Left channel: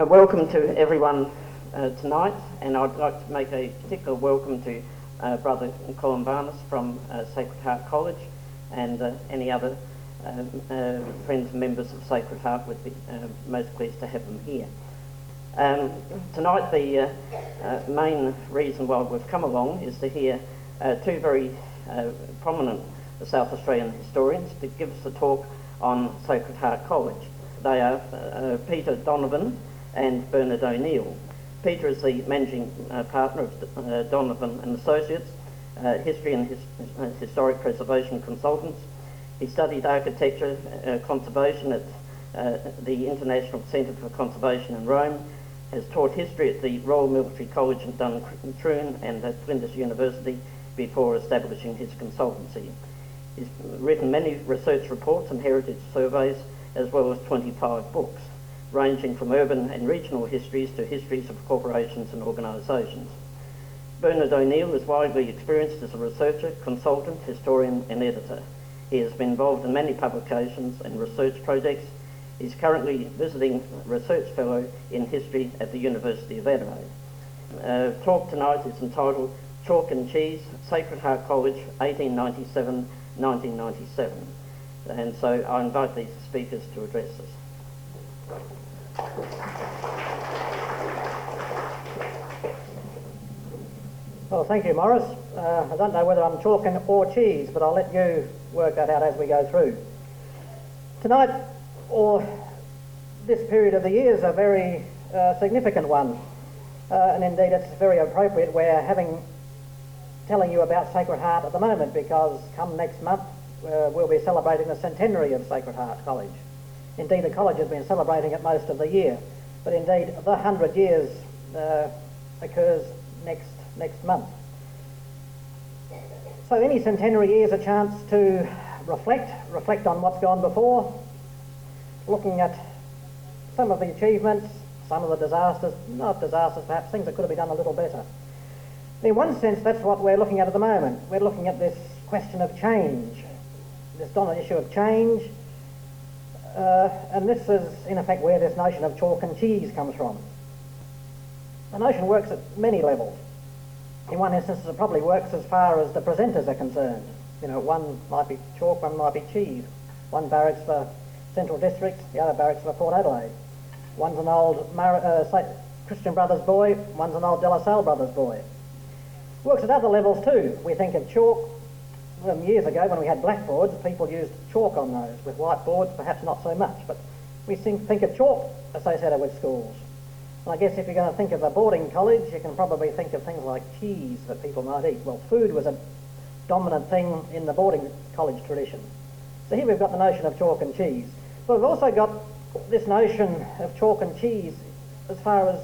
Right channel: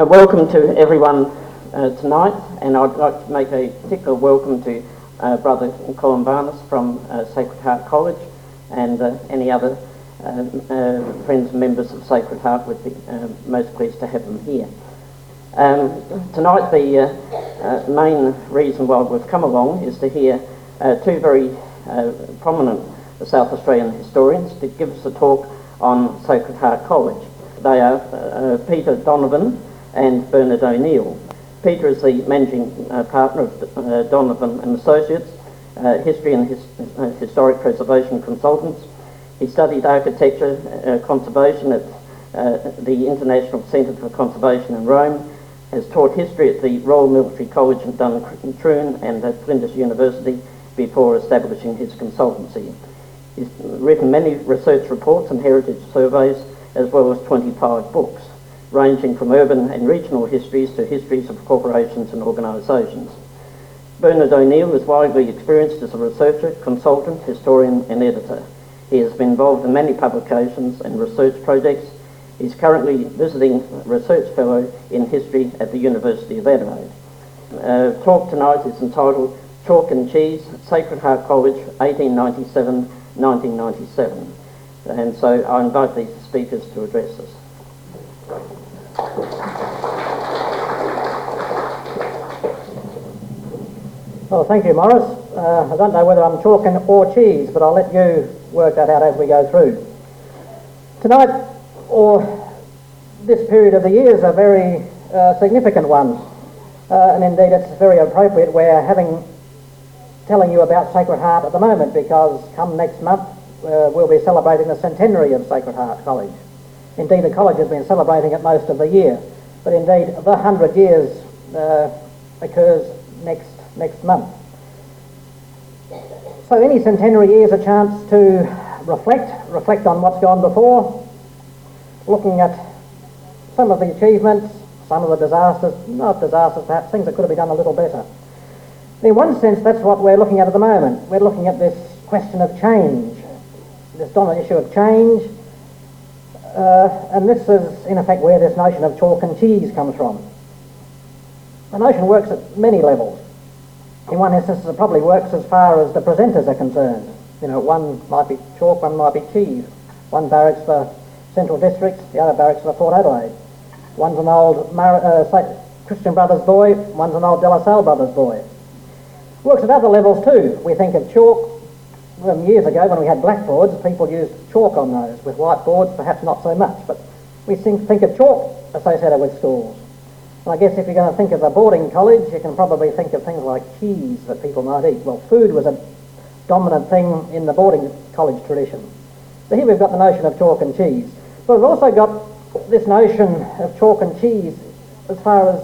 Welcome to everyone tonight, and I'd like to make a particular welcome to Brother Colin Barnes from Sacred Heart College, and any other friends and members of Sacred Heart. Would be most pleased to have them here. Tonight the main reason why we've come along is to hear two very prominent South Australian historians to give us a talk on Sacred Heart College. They are Peter Donovan and Bernard O'Neill. Peter is the managing partner of Donovan and Associates, history and historic preservation consultants. He studied architecture conservation at the International Centre for Conservation in Rome, has taught history at the Royal Military College in Duntroon and at Flinders University before establishing his consultancy. He's written many research reports and heritage surveys, as well as 25 books, ranging from urban and regional histories to histories of corporations and organisations. Bernard O'Neill is widely experienced as a researcher, consultant, historian and editor. He has been involved in many publications and research projects. He's currently visiting research fellow in history at the University of Adelaide. Talk tonight is entitled Chalk and Cheese, Sacred Heart College, 1897-1997. And so I invite these speakers to address us. Well, thank you, Morris. I don't know whether I'm chalking or cheese, but I'll let you work that out as we go through. Tonight, or this period of the year, is a very significant one, and indeed it's very appropriate. We're telling you about Sacred Heart at the moment, because come next month we'll be celebrating the centenary of Sacred Heart College. Indeed, the college has been celebrating it most of the year, but indeed the 100 years occurs next month. So any centenary year is a chance to reflect on what's gone before, looking at some of the achievements, some of the disasters, not disasters perhaps, things that could have been done a little better. In one sense, that's what we're looking at the moment. We're looking at this question of change, this dominant issue of change, and this is in effect where this notion of chalk and cheese comes from. The notion works at many levels. In one instance, it probably works as far as the presenters are concerned. You know, one might be chalk, one might be cheese. One barracks for Central District, the other barracks for Port Adelaide. One's an old Christian Brothers boy, one's an old De La Salle Brothers boy. Works at other levels too. We think of chalk. Years ago, when we had blackboards, people used chalk on those. With whiteboards, perhaps not so much, but we think of chalk associated with schools. And I guess if you're going to think of a boarding college, you can probably think of things like cheese that people might eat. Well, food was a dominant thing in the boarding college tradition. So here we've got the notion of chalk and cheese. But we've also got this notion of chalk and cheese as far as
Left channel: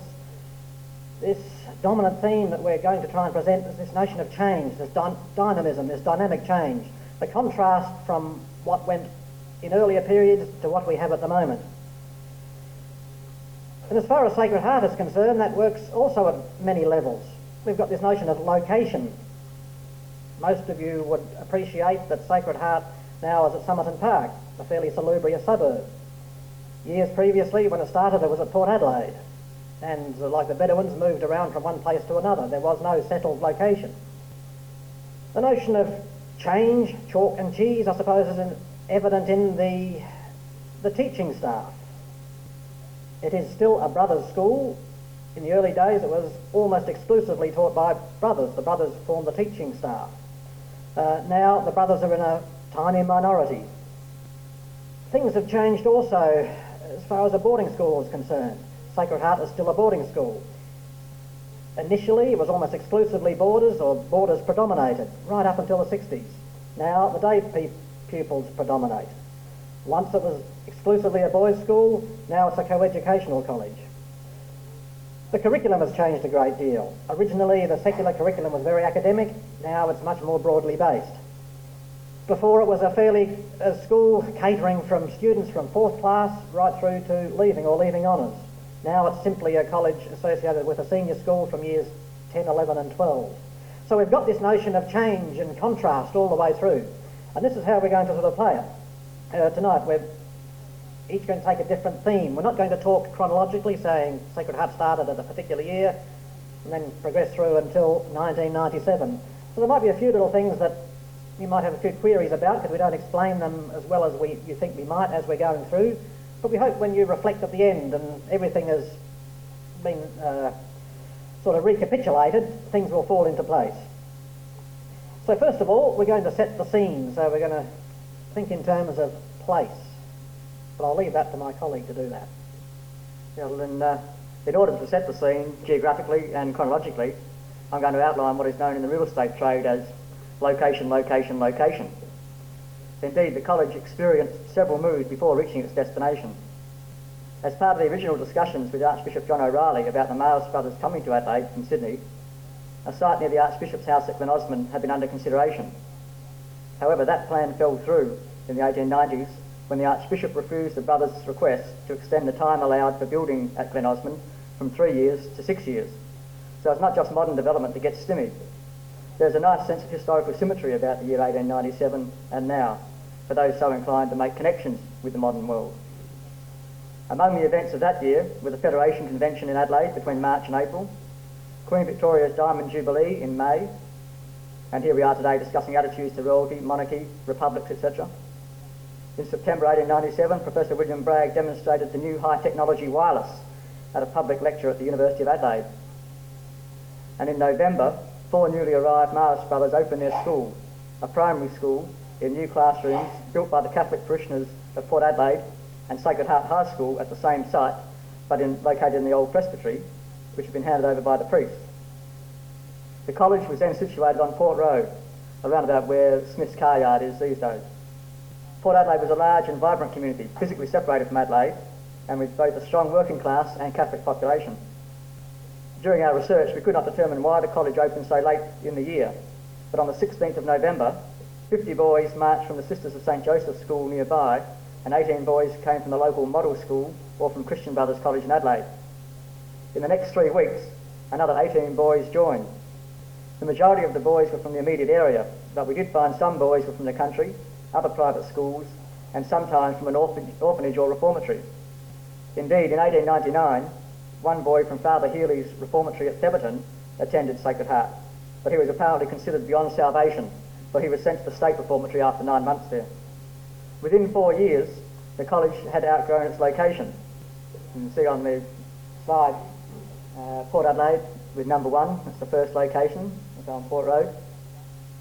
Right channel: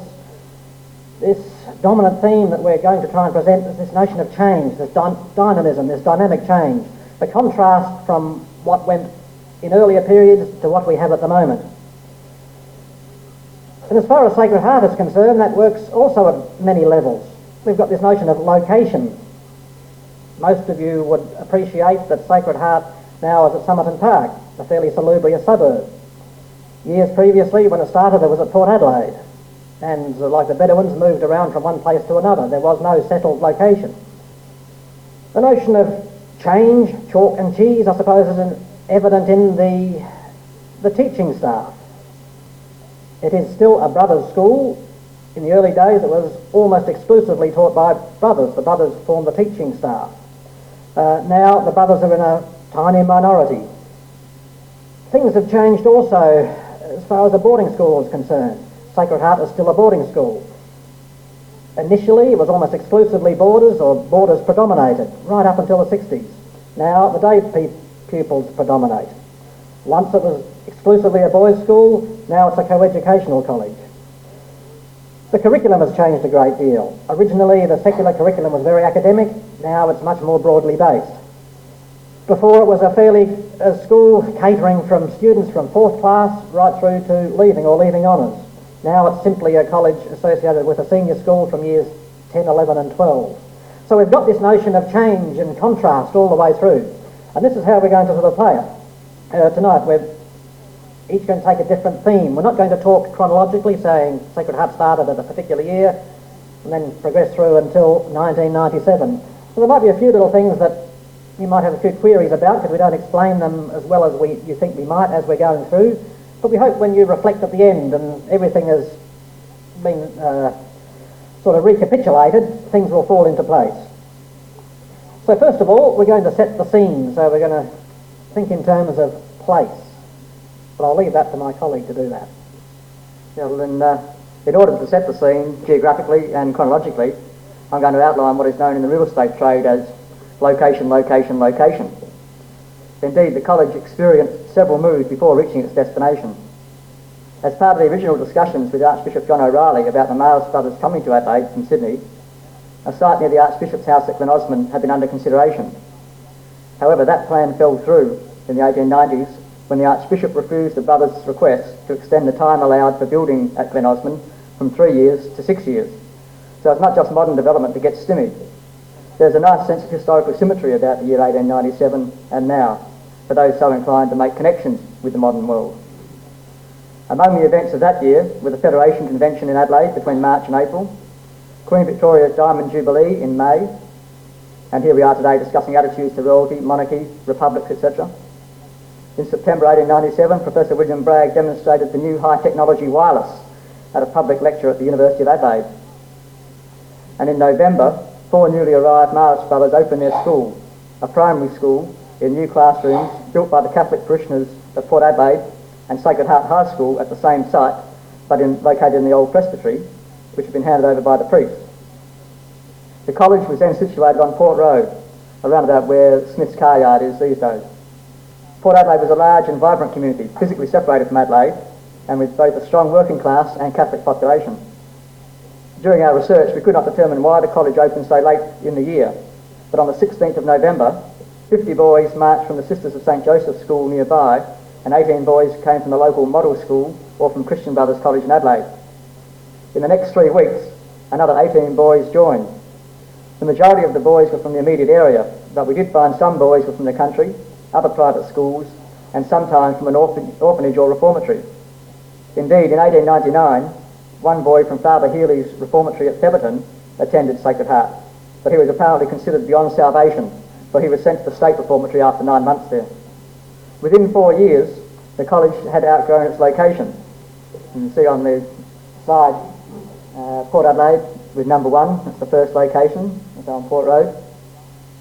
this dominant theme that we're going to try and present is this notion of change, this dynamism, this dynamic change, the contrast from what went in earlier periods to what we have at the moment. And as far as Sacred Heart is concerned, that works also at many levels. We've got this notion of location. Most of you would appreciate that Sacred Heart now is at Somerton Park, a fairly salubrious suburb. Years previously, when it started, it was at Port Adelaide. And like the Bedouins, moved around from one place to another. There was no settled location. The notion of change, chalk and cheese, I suppose, is evident in the teaching staff. It is still a brothers' school. In the early days, it was almost exclusively taught by brothers. The brothers formed the teaching staff. Now the brothers are in a tiny minority. Things have changed also as far as the boarding school is concerned. Sacred Heart is still a boarding school. Initially, it was almost exclusively boarders, or boarders predominated, right up until the 60s. Now, the day pupils predominate. Once it was exclusively a boys' school, now it's a co-educational college. The curriculum has changed a great deal. Originally, the secular curriculum was very academic. Now it's much more broadly based. Before, it was a school catering from students from 4th class right through to leaving or leaving honours. Now it's simply a college associated with a senior school from years 10, 11 and 12. So we've got this notion of change and contrast all the way through. And this is how we're going to sort of play it. Tonight each going to take a different theme. We're not going to talk chronologically, saying Sacred Heart started at a particular year and then progressed through until 1997. So there might be a few little things that you might have a few queries about because we don't explain them as well as you think we might as we're going through. But we hope when you reflect at the end and everything has been sort of recapitulated, things will fall into place. So first of all, we're going to set the scene. So we're going to think in terms of place. But I'll leave that to my colleague to do that. Yeah, well, in order to set the scene geographically and chronologically, I'm going to outline what is known in the real estate trade as location, location, location. Indeed, the college experienced several moves before reaching its destination. As part of the original discussions with Archbishop John O'Reilly about the Marist Brothers coming to Adelaide from Sydney, a site near the Archbishop's house at Glen Osmond had been under consideration. However, that plan fell through in the 1890s when the Archbishop refused the brothers' request to extend the time allowed for building at Glen Osmond from 3 years to 6 years. So it's not just modern development that gets stimmy. There's a nice sense of historical symmetry about the year 1897 and now, for those so inclined to make connections with the modern world. Among the events of that year were the Federation Convention in Adelaide between March and April, Queen Victoria's Diamond Jubilee in May, and here we are today discussing attitudes to royalty, monarchy, republics, etc. In September 1897, Professor William Bragg demonstrated the new high-technology wireless at a public lecture at the University of Adelaide. And in November, 4 newly arrived Marist Brothers opened their school, a primary school in new classrooms built by the Catholic parishioners of Port Adelaide and Sacred Heart High School at the same site, but located in the old presbytery, which had been handed over by the priest. The college was then situated on Port Road, around about where Smith's car yard is these days. Port Adelaide was a large and vibrant community, physically separated from Adelaide, and with both a strong working class and Catholic population. During our research, we could not determine why the college opened so late in the year, but on the 16th of November, 50 boys marched from the Sisters of St. Joseph's School nearby, and 18 boys came from the local model school or from Christian Brothers College in Adelaide. In the next 3 weeks, another 18 boys joined. The majority of the boys were from the immediate area, but we did find some boys were from the country, other private schools, and sometimes from an orphanage or reformatory. Indeed, in 1899, one boy from Father Healy's reformatory at Theberton attended Sacred Heart, but he was apparently considered beyond salvation, for he was sent to the state reformatory after 9 months there. Within 4 years, the college had outgrown its location. You can see on the slide Port Adelaide with number 1, that's the first location, it's on Port Road.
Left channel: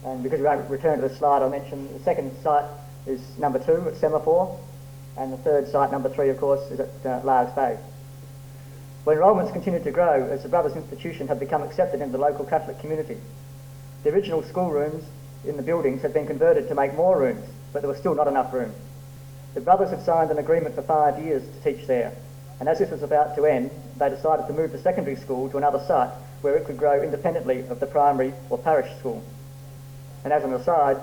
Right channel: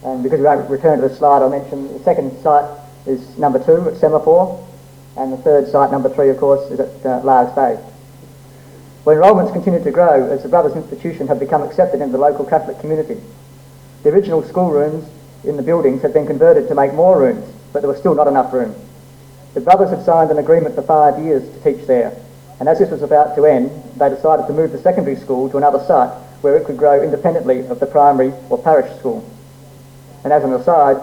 And because we won't return to the slide, I'll mention the second site is number 2 at Semaphore, and the third site, number 3, of course, is at Largs Bay. Well, enrolments continued to grow as the Brothers Institution had become accepted into the local Catholic community. The original schoolrooms in the buildings had been converted to make more rooms, but there was still not enough room. The Brothers had signed an agreement for 5 years to teach there, and as this was about to end, they decided to move the secondary school to another site where it could grow independently of the primary or parish school. And as an aside,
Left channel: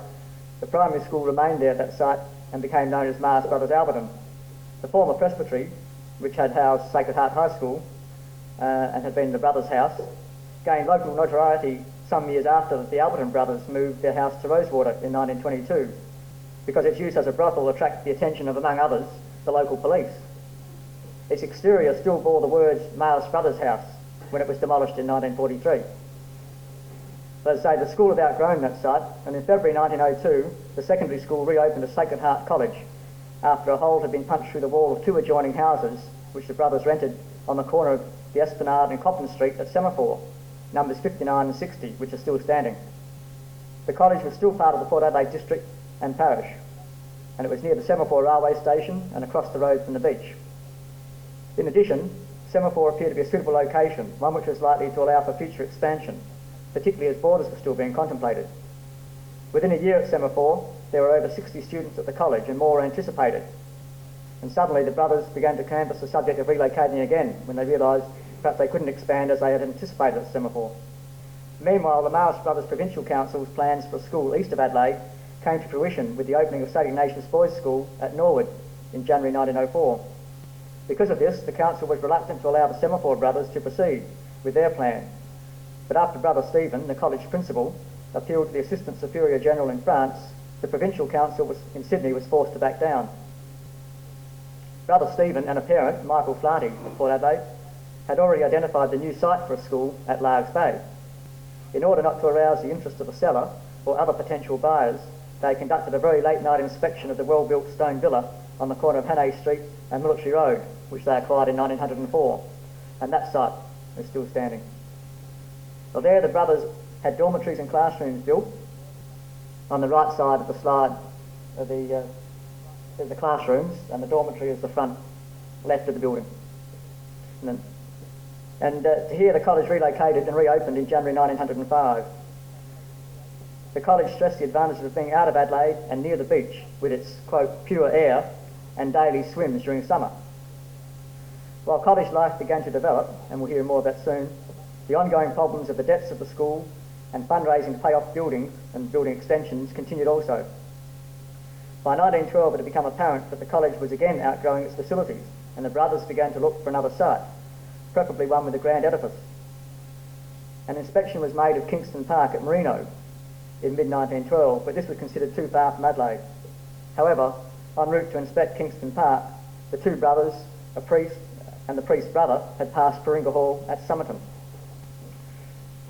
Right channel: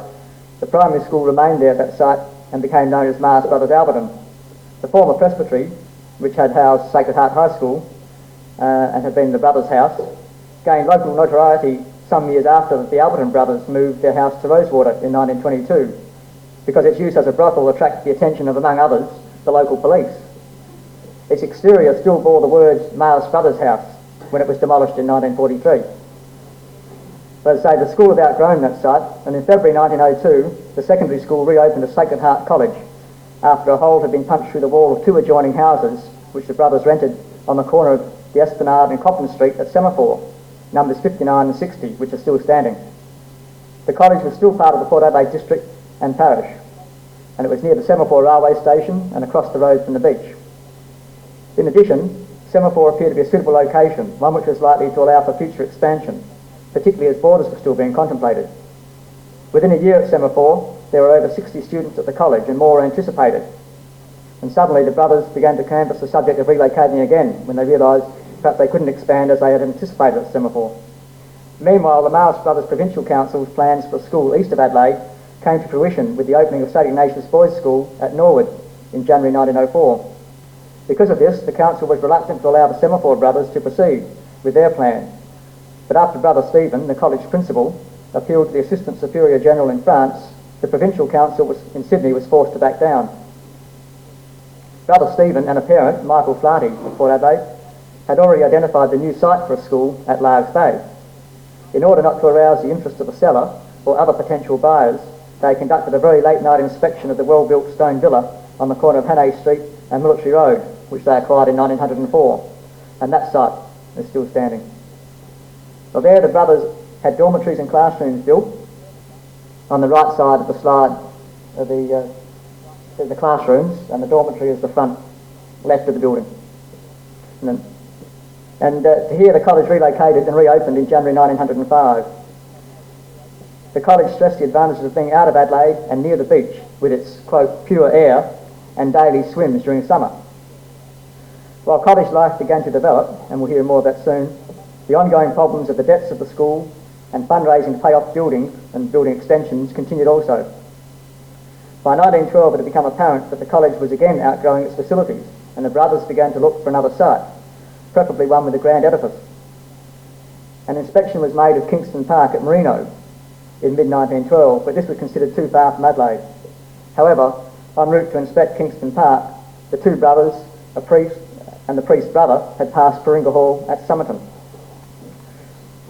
the primary school remained there at that site and became known as Marist Brothers Alberton. The former presbytery, which had housed Sacred Heart High School and had been the Brothers' house, gained local notoriety some years after the Alberton brothers moved their house to Rosewater in 1922, because its use as a brothel attracted the attention of, among others, the local police. Its exterior still bore the words Marist Brothers House when it was demolished in 1943. But as I say, the school had outgrown that site, and in February 1902, the secondary school reopened as Sacred Heart College after a hole had been punched through the wall of 2 adjoining houses, which the brothers rented on the corner of the Esplanade and Copland Street at Semaphore, numbers 59 and 60, which are still standing. The college was still part of the Port Adelaide district and parish, and it was near the Semaphore railway station and across the road from the beach. In addition, Semaphore appeared to be a suitable location, one which was likely to allow for future expansion, particularly as borders were still being contemplated. Within a year at Semaphore, there were over 60 students at the college and more were anticipated. And suddenly the brothers began to canvass the subject of relocating again when they realised perhaps they couldn't expand as they had anticipated at Semaphore. Meanwhile, the Marist Brothers Provincial Council's plans for a school east of Adelaide came to fruition with the opening of St Ignatius Boys' School at Norwood in January 1904. Because of this, the council was reluctant to allow the Semaphore brothers to proceed with their plans. But after Brother Stephen, the college principal, appealed to the Assistant Superior General in France, the Provincial Council in Sydney was forced to back down. Brother Stephen and a parent, Michael Flaherty of Port Adelaide, had already identified the new site for a school at Largs Bay. In order not to arouse the interest of the seller or other potential buyers, they conducted a very late night inspection of the well-built stone villa on the corner of Hannay Street and Military Road, which they acquired in 1904, and that site is still standing. Well, there the brothers had dormitories and classrooms built. On the right side of the slide are the classrooms, and the dormitory is the front left of the building. And here the college relocated and reopened in January 1905. The college stressed the advantages of being out of Adelaide and near the beach with its, quote, pure air and daily swims during summer. While college life began to develop, and we'll hear more of that soon, the ongoing problems of the debts of the school and fundraising to pay off buildings and building extensions continued also. By 1912 it had become apparent that the college was again outgrowing its facilities, and the brothers began to look for another site, preferably one with a grand edifice. An inspection was made of Kingston Park at Merino in mid-1912, but this was considered too far from Adelaide. However, en route to inspect Kingston Park, the two brothers, a priest and the priest's brother, had passed Paringa Hall at Somerton.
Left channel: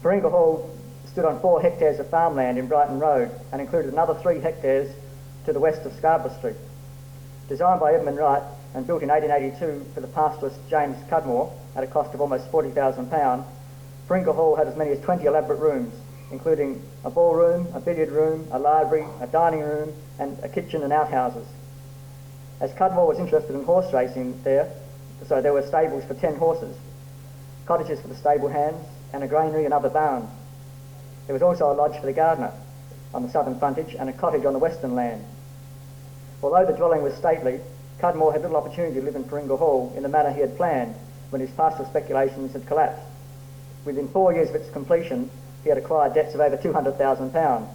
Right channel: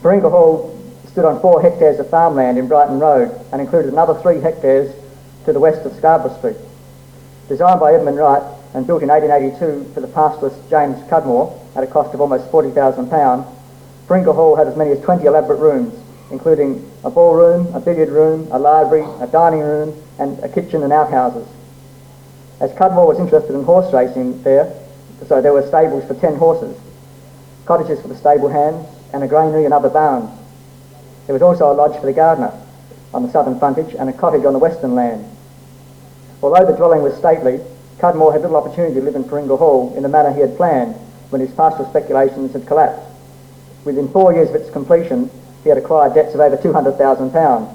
Paringa Hall stood on 4 hectares of farmland in Brighton Road and included another 3 hectares to the west of Scarborough Street. Designed by Edmund Wright and built in 1882 for the pastoralist James Cudmore at a cost of almost £40,000, Paringa Hall had as many as 20 elaborate rooms, including a ballroom, a billiard room, a library, a dining room, and a kitchen and outhouses. As Cudmore was interested in horse racing there, so there were stables for 10 horses, cottages for the stable hands, and a granary and other barns. There was also a lodge for the gardener on the southern frontage and a cottage on the western land. Although the dwelling was stately, Cudmore had little opportunity to live in Paringa Hall in the manner he had planned when his pastoral speculations had collapsed. Within 4 years of its completion, he had acquired debts of over £200,000.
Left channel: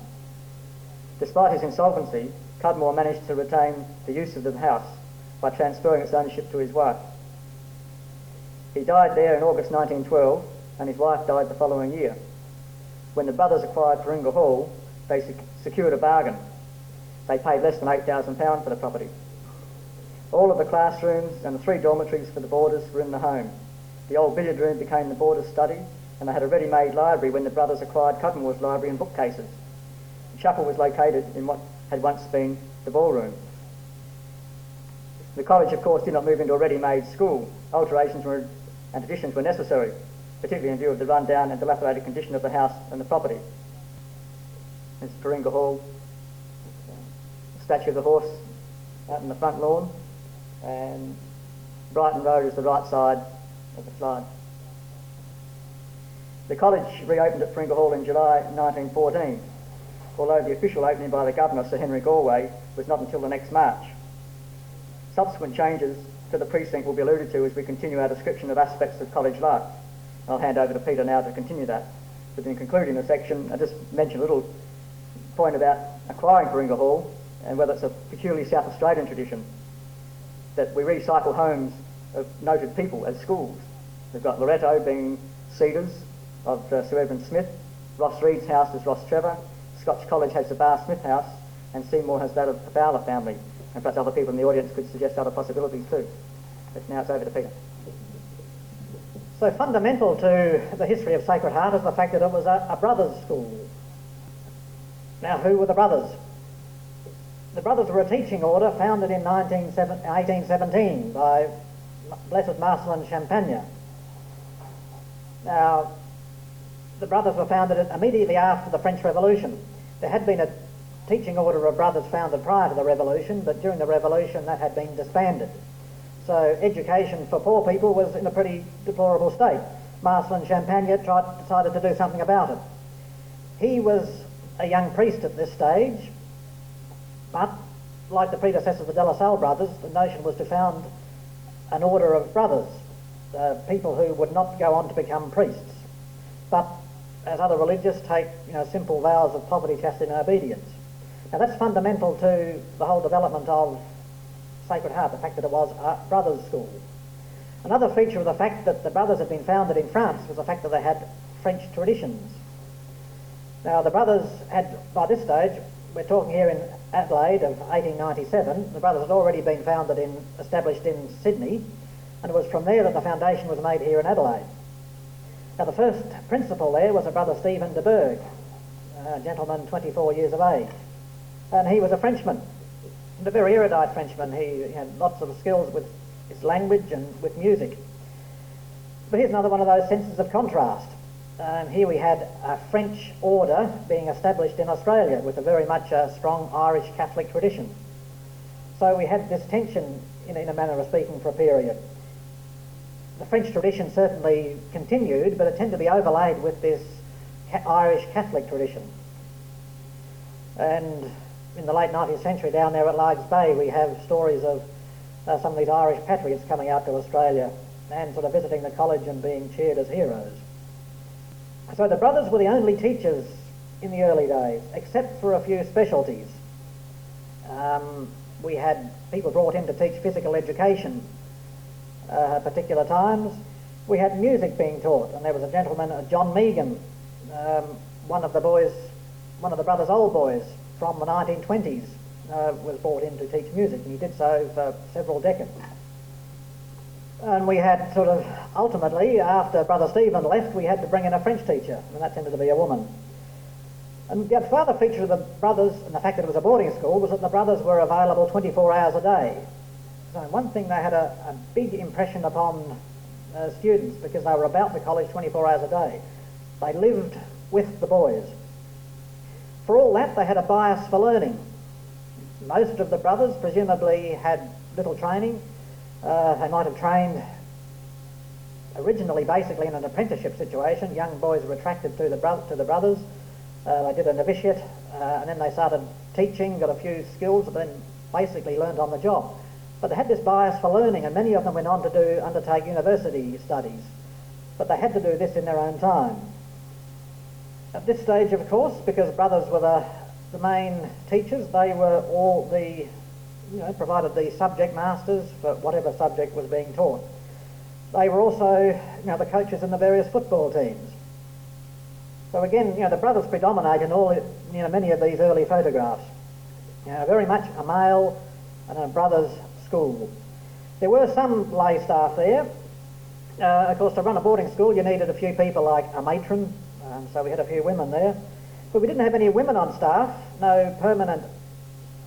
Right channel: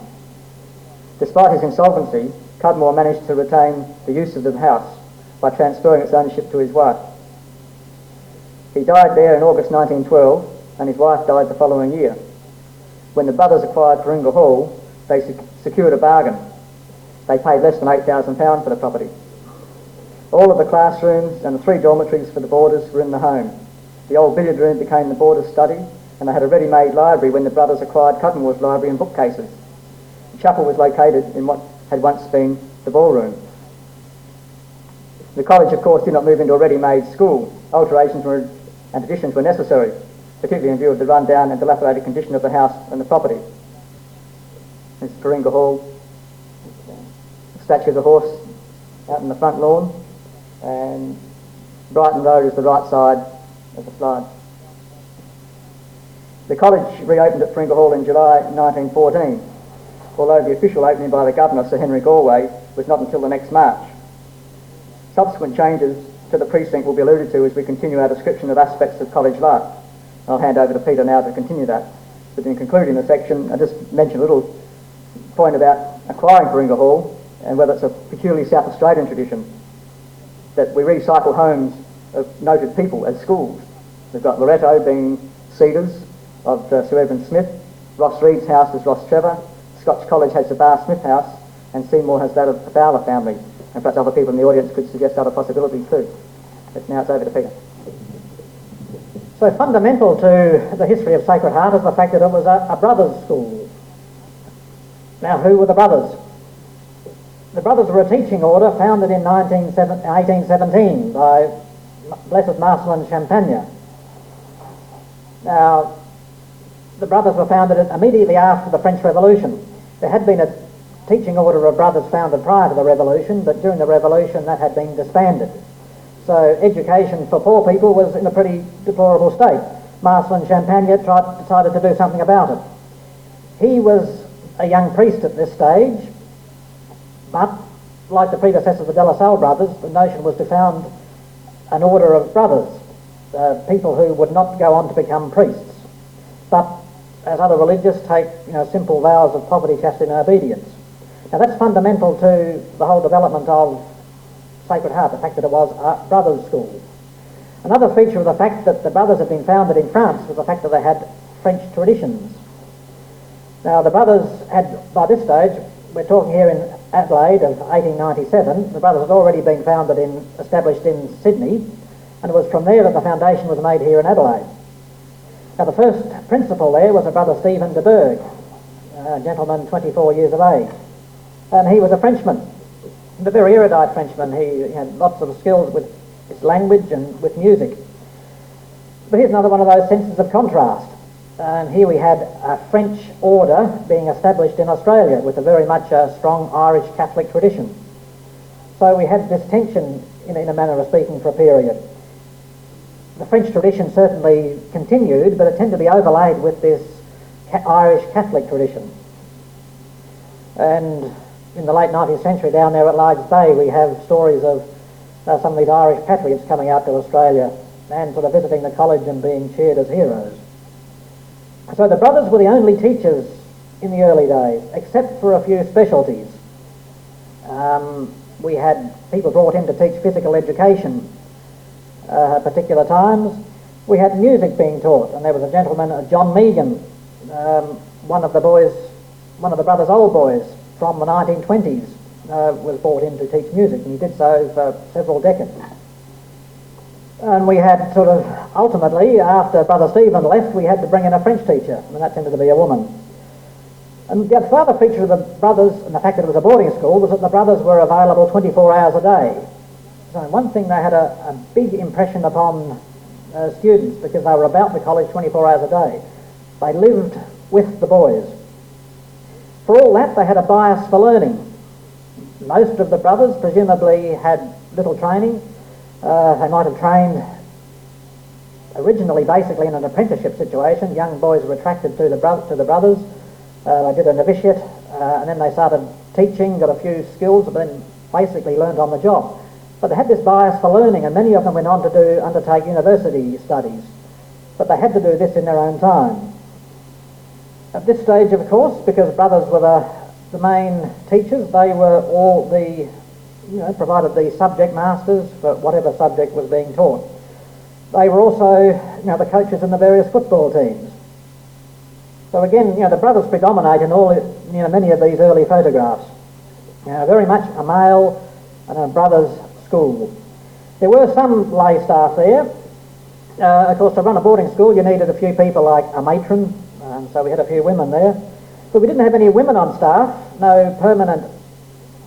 Despite his insolvency, Cudmore managed to retain the use of the house by transferring its ownership to his wife. He died there in August 1912, and his wife died the following year. When the brothers acquired Paringa Hall, they secured a bargain. They paid less than £8,000 for the property. All of the classrooms and the 3 dormitories for the boarders were in the home. The old billiard room became the boarders' study, and they had a ready-made library when the brothers acquired Cudmore's library and bookcases. The chapel was located in what had once been the ballroom. The college, of course, did not move into a ready-made school. Alterations and additions were necessary, particularly in view of the run-down and dilapidated condition of the house and the property. This is Paringa Hall. The statue of the horse out in the front lawn, and Brighton Road is the right side of the slide. The college reopened at Paringa Hall in July 1914, although the official opening by the Governor, Sir Henry Galway, was not until the next March. Subsequent changes to the precinct will be alluded to as we continue our description of aspects of college life. I'll hand over to Peter now to continue that. But in concluding the section, I'll just mention a little point about acquiring Paringa Hall and whether it's a peculiarly South Australian tradition that we recycle homes of noted people as schools. We've got Loretto being Cedars of Sir Edwin Smith, Ross Reed's house is Ross Trevor, Scotch College has the Bar Smith house, and Seymour has that of the Fowler family. And perhaps other people in the audience could suggest other possibilities too. But now it's over to Peter. So fundamental to the history of Sacred Heart is the fact that it was a brothers' school. Now, who were the brothers? The brothers were a teaching order founded in 1817 by Blessed Marcel and Champagne. Now, the brothers were founded immediately after the French Revolution. There had been a teaching order of brothers founded prior to the Revolution, but during the Revolution that had been disbanded. So education for poor people was in a pretty deplorable state. Marcel and Champagne decided to do something about it. He was a young priest at this stage, but like the predecessors of the De La Salle brothers, the notion was to found an order of brothers, people who would not go on to become priests, but as other religious take simple vows of poverty, chastity and obedience. Now that's fundamental to the whole development of Sacred Heart, the fact that it was a brothers' school. Another feature of the fact that the brothers had been founded in France was the fact that they had French traditions. Now the brothers had, by this stage, we're talking here in Adelaide of 1897, the Brothers had already been established in Sydney, and it was from there that the foundation was made here in Adelaide. Now the first principal there was a Brother Stephen de Berg, a gentleman 24 years of age, and he was a Frenchman, and a very erudite Frenchman. He had lots of skills with his language and with music. But here's another one of those senses of contrast. Here we had a French order being established in Australia with a very much strong Irish Catholic tradition. So we had this tension, in a manner of speaking, for a period. The French tradition certainly continued, but it tended to be overlaid with this Irish Catholic tradition. And in the late 19th century down there at Lydes Bay, we have stories of some of these Irish patriots coming out to Australia and sort of visiting the college and being cheered as heroes. So the Brothers were the only teachers in the early days, except for a few specialties. We had people brought in to teach physical education at particular times. We had music being taught, and there was a gentleman, John Megan, one of the Brothers' old boys from the 1920s, was brought in to teach music, and he did so for several decades. And we had sort of, ultimately, after Brother Stephen left, we had to bring in a French teacher, and that tended to be a woman. And the further feature of the Brothers, and the fact that it was a boarding school, was that the Brothers were available 24 hours a day. So one thing, they had a big impression upon students, because they were about the college 24 hours a day. They lived with the boys. For all that, they had a bias for learning. Most of the Brothers presumably had little training. They might have trained originally basically in an apprenticeship situation. Young boys were attracted to the Brothers. They did a novitiate, and then they started teaching, got a few skills, but then basically learned on the job. But they had this bias for learning, and many of them went on to undertake university studies. But they had to do this in their own time. At this stage, of course, because Brothers were the main teachers, they were all provided the subject masters for whatever subject was being taught. They were also, the coaches in the various football teams. So again, the Brothers predominate in many of these early photographs. Very much a male and a Brothers school. There were some lay staff there. Of course, to run a boarding school, you needed a few people like a matron, so we had a few women there. But we didn't have any women on staff, no permanent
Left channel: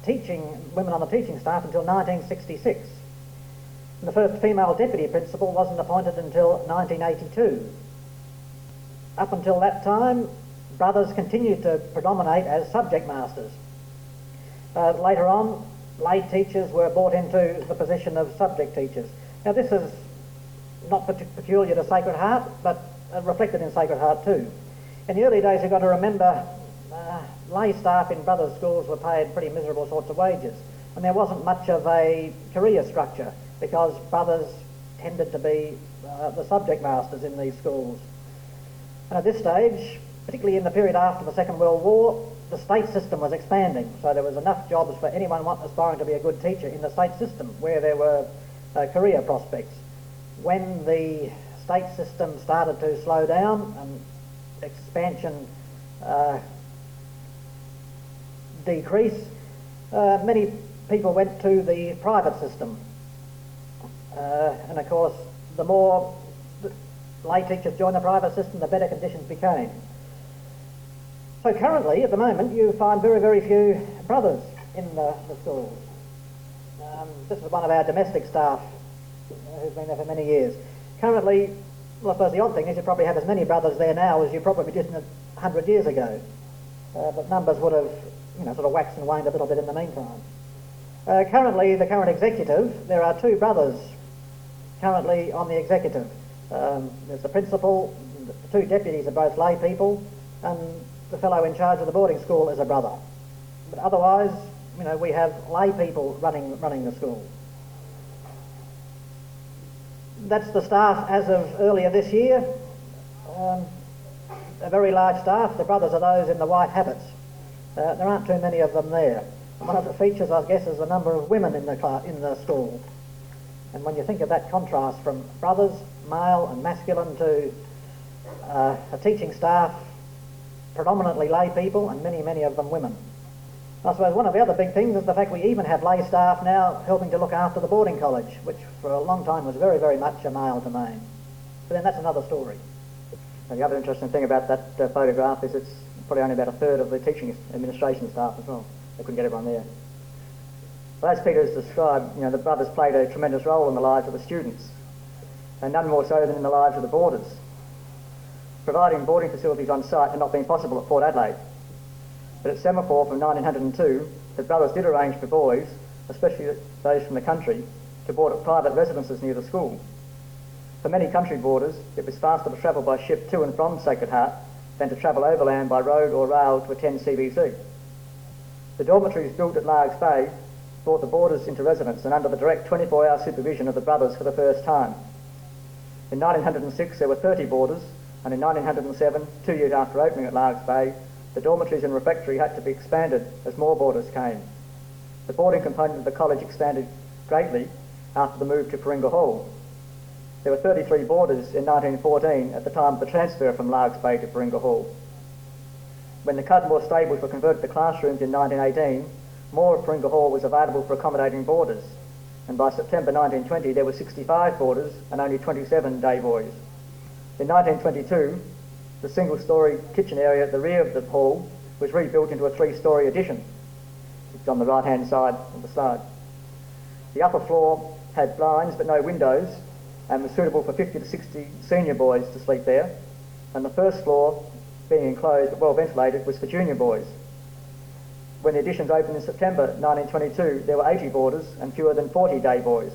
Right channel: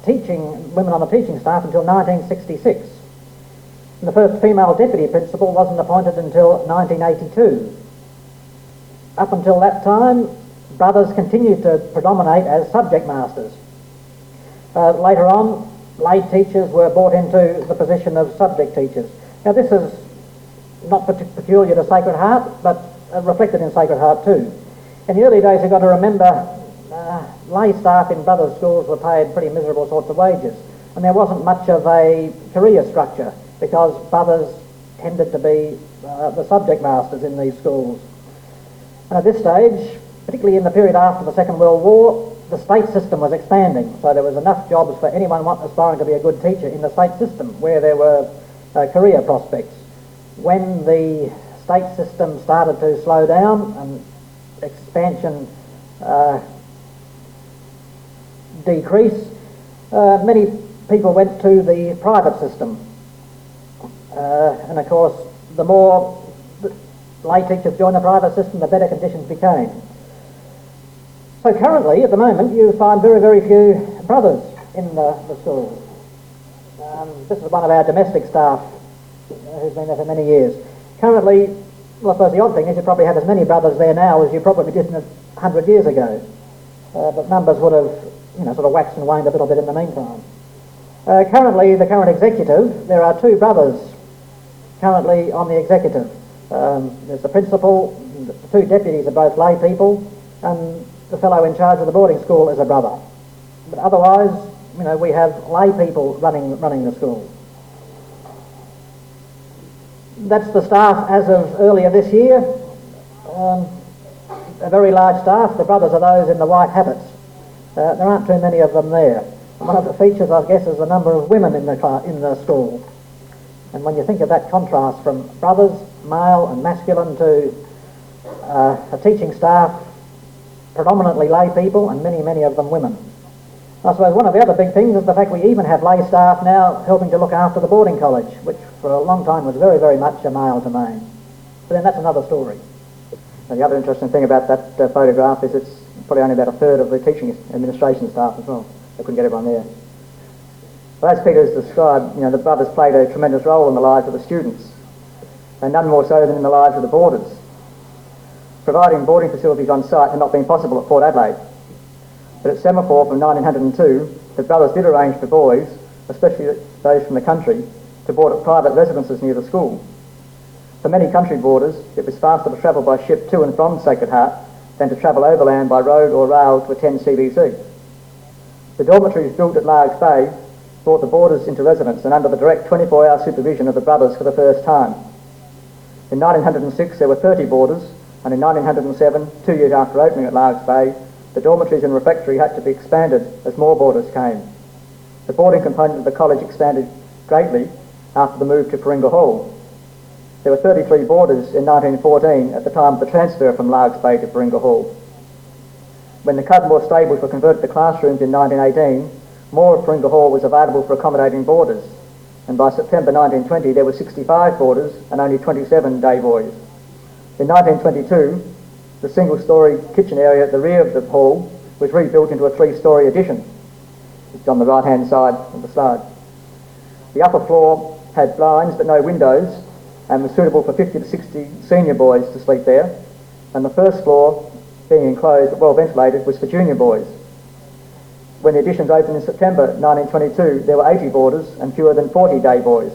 women on the teaching staff until 1966. And the first female deputy principal wasn't appointed until 1982. Up until that time, Brothers continued to predominate as subject masters. Later on, lay teachers were brought into the position of subject teachers. Now this is not peculiar to Sacred Heart, but reflected in Sacred Heart too. In the early days, you've got to remember, lay staff in Brothers schools were paid pretty miserable sorts of wages, and there wasn't much of a career structure because Brothers tended to be the subject masters in these schools. And at this stage, particularly in the period after the Second World War, the state system was expanding, so there was enough jobs for anyone aspiring to be a good teacher in the state system where there were career prospects. When the state system started to slow down and expansion decrease, many people went to the private system. And of course, the more lay teachers joined the private system, the better conditions became. So currently, at the moment, you find very, very few Brothers in the schools. This is one of our domestic staff who's been there for many years. Currently, well, I suppose the odd thing is you probably have as many Brothers there now as you probably did 100 years ago. But numbers would have, sort of waxed and waned a little bit in the meantime. Currently, the current executive, there are 2 Brothers currently on the executive. There's the principal, the 2 deputies are both lay people, and the fellow in charge of the boarding school is a Brother. But otherwise, we have lay people running the school. That's the staff as of earlier this year. A very large staff. The Brothers are those in the white habits. There aren't too many of them there. And one of the features, I guess, is the number of women in the school. And when you think of that contrast from Brothers, male and masculine, to a teaching staff, predominantly lay people, and many, many of them women. I suppose one of the other big things is the fact we even have lay staff now helping to look after the boarding college, which for a long time was very, very much a male domain. But then that's another story. And the other interesting thing about that photograph is it's probably only about a third of the teaching administration staff as well. They couldn't get everyone there. Well, as Peter has described, the brothers played a tremendous role in the lives of the students, and none more so than in the lives of the boarders. Providing boarding facilities on site had not been possible at Port Adelaide. But at Semaphore from 1902, the brothers did arrange for boys, especially those from the country, to board at private residences near the school. For many country boarders, it was faster to travel by ship to and from Sacred Heart than to travel overland by road or rail to attend CBC. The dormitories built at Largs Bay brought the boarders into residence and under the direct 24-hour supervision of the brothers for the first time. In 1906 there were 30 boarders, and in 1907, 2 years after opening at Largs Bay, the dormitories and refectory had to be expanded as more boarders came. The boarding component of the college expanded greatly after the move to Paringa Hall. There were 33 boarders in 1914 at the time of the transfer from Largs Bay to Paringa Hall. When the Cudmore stables were converted to classrooms in 1918, more of Paringa Hall was available for accommodating boarders, and by September 1920 there were 65 boarders and only 27 day boys. In 1922, the single-storey kitchen area at the rear of the hall was rebuilt into a 3-storey addition. It's on the right-hand side of the slide. The upper floor had blinds but no windows and was suitable for 50 to 60 senior boys to sleep there, and the first floor, being enclosed but well ventilated, was for junior boys. When the additions opened in September 1922, there were 80 boarders and fewer than 40 day boys.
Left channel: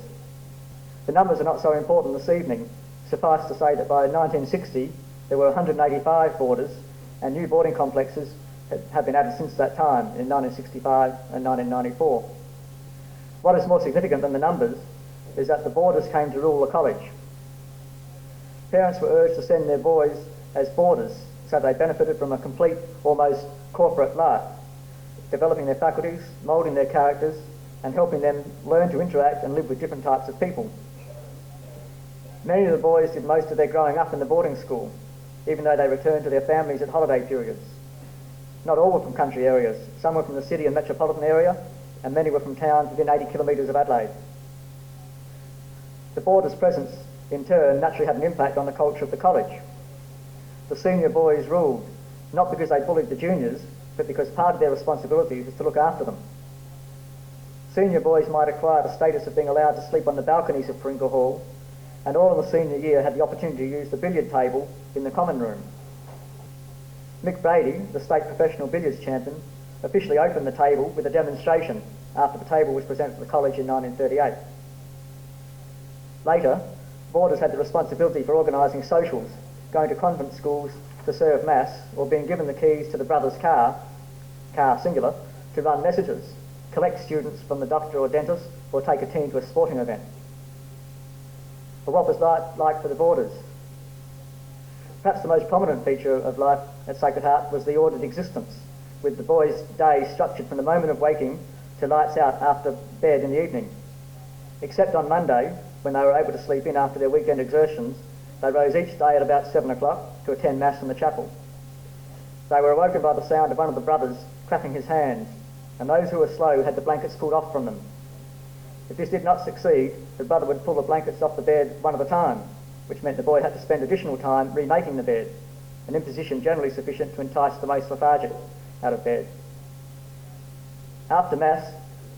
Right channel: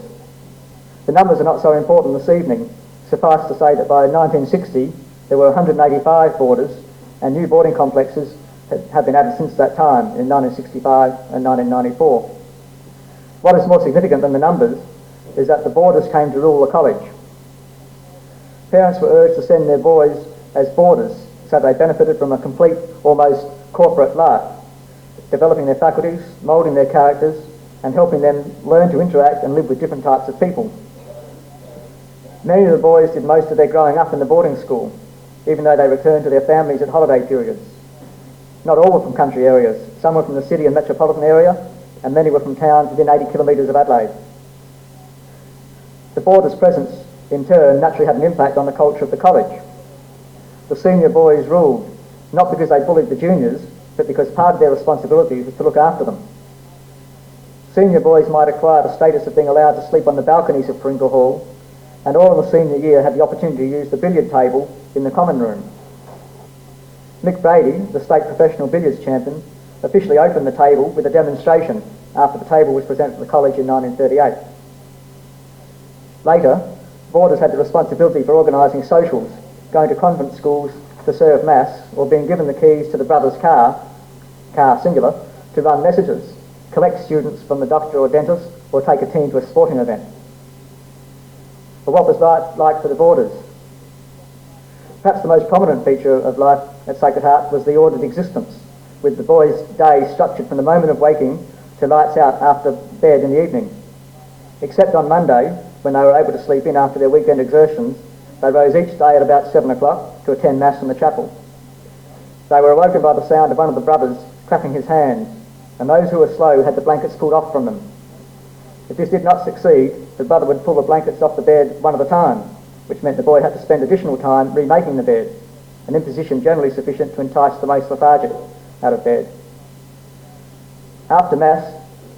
The numbers are not so important this evening. Suffice to say that by 1960 there were 185 boarders, and new boarding complexes have been added since that time in 1965 and 1994. What is more significant than the numbers is that the boarders came to rule the college. Parents were urged to send their boys as boarders, so they benefited from a complete, almost corporate life, developing their faculties, moulding their characters, and helping them learn to interact and live with different types of people. Many of the boys did most of their growing up in the boarding school, even though they returned to their families at holiday periods. Not all were from country areas. Some were from the city and metropolitan area, and many were from towns within 80 kilometres of Adelaide. The boarders' presence, in turn, naturally had an impact on the culture of the college. The senior boys ruled, not because they bullied the juniors, but because part of their responsibility was to look after them. Senior boys might acquire the status of being allowed to sleep on the balconies of Paringa Hall, and all in the senior year had the opportunity to use the billiard table in the common room. Mick Brady, the state professional billiards champion, officially opened the table with a demonstration after the table was presented to the college in 1938. Later, boarders had the responsibility for organising socials, going to convent schools to serve mass, or being given the keys to the brothers' car singular, to run messages, collect students from the doctor or dentist, or take a team to a sporting event. But what was life like for the boarders? Perhaps the most prominent feature of life at Sacred Heart was the ordered existence, with the boys' day structured from the moment of waking to lights out after bed in the evening. Except on Monday, when they were able to sleep in after their weekend exertions, they rose each day at about 7 o'clock to attend Mass in the chapel. They were awoken by the sound of one of the brothers clapping his hands, and those who were slow had the blankets pulled off from them. If this did not succeed, the brother would pull the blankets off the bed one at a time, which meant the boy had to spend additional time remaking the bed, an imposition generally sufficient to entice the most lethargic out of bed. After Mass,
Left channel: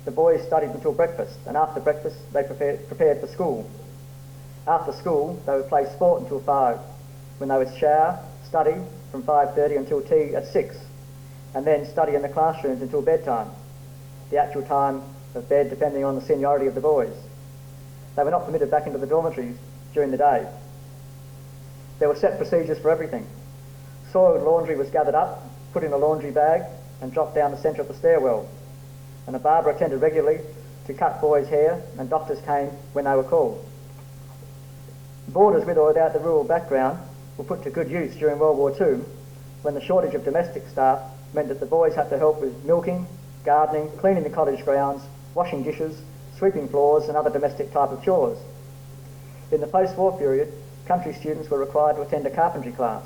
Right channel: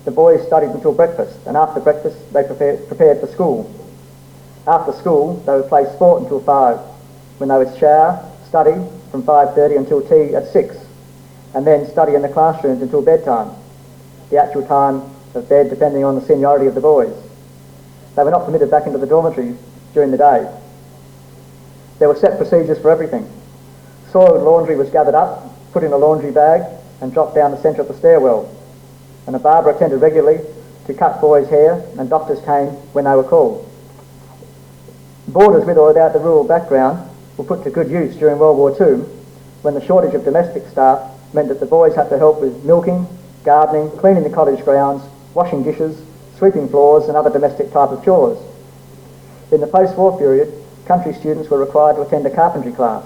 the boys studied until breakfast, and after breakfast they prepared for school. After school, they would play sport until 5, when they would shower, study from 5:30 until tea at 6, and then study in the classrooms until bedtime, the actual time of bed depending on the seniority of the boys. They were not permitted back into the dormitories during the day. There were set procedures for everything. Soiled laundry was gathered up, put in a laundry bag, and dropped down the centre of the stairwell, and a barber attended regularly to cut boys' hair, and doctors came when they were called. Boarders with or without the rural background were put to good use during World War II, when the shortage of domestic staff meant that the boys had to help with milking, gardening, cleaning the college grounds, washing dishes, sweeping floors and other domestic type of chores. In the post-war period, country students were required to attend a carpentry class.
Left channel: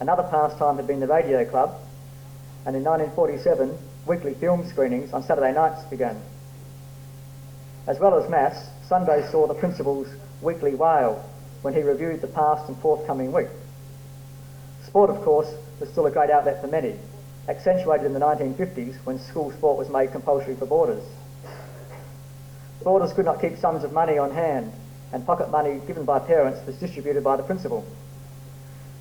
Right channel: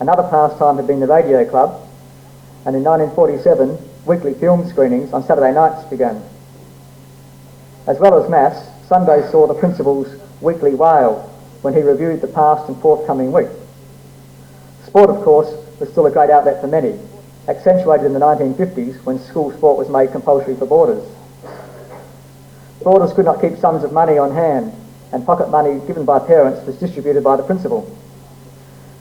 Another pastime had been the radio club, and in 1947 weekly film screenings on Saturday nights began. As well as Mass, Sunday saw the principal's weekly wail when he reviewed the past and forthcoming week. Sport, of course, was still a great outlet for many, accentuated in the 1950s when school sport was made compulsory for boarders. Boarders could not keep sums of money on hand, and pocket money given by parents was distributed by the principal.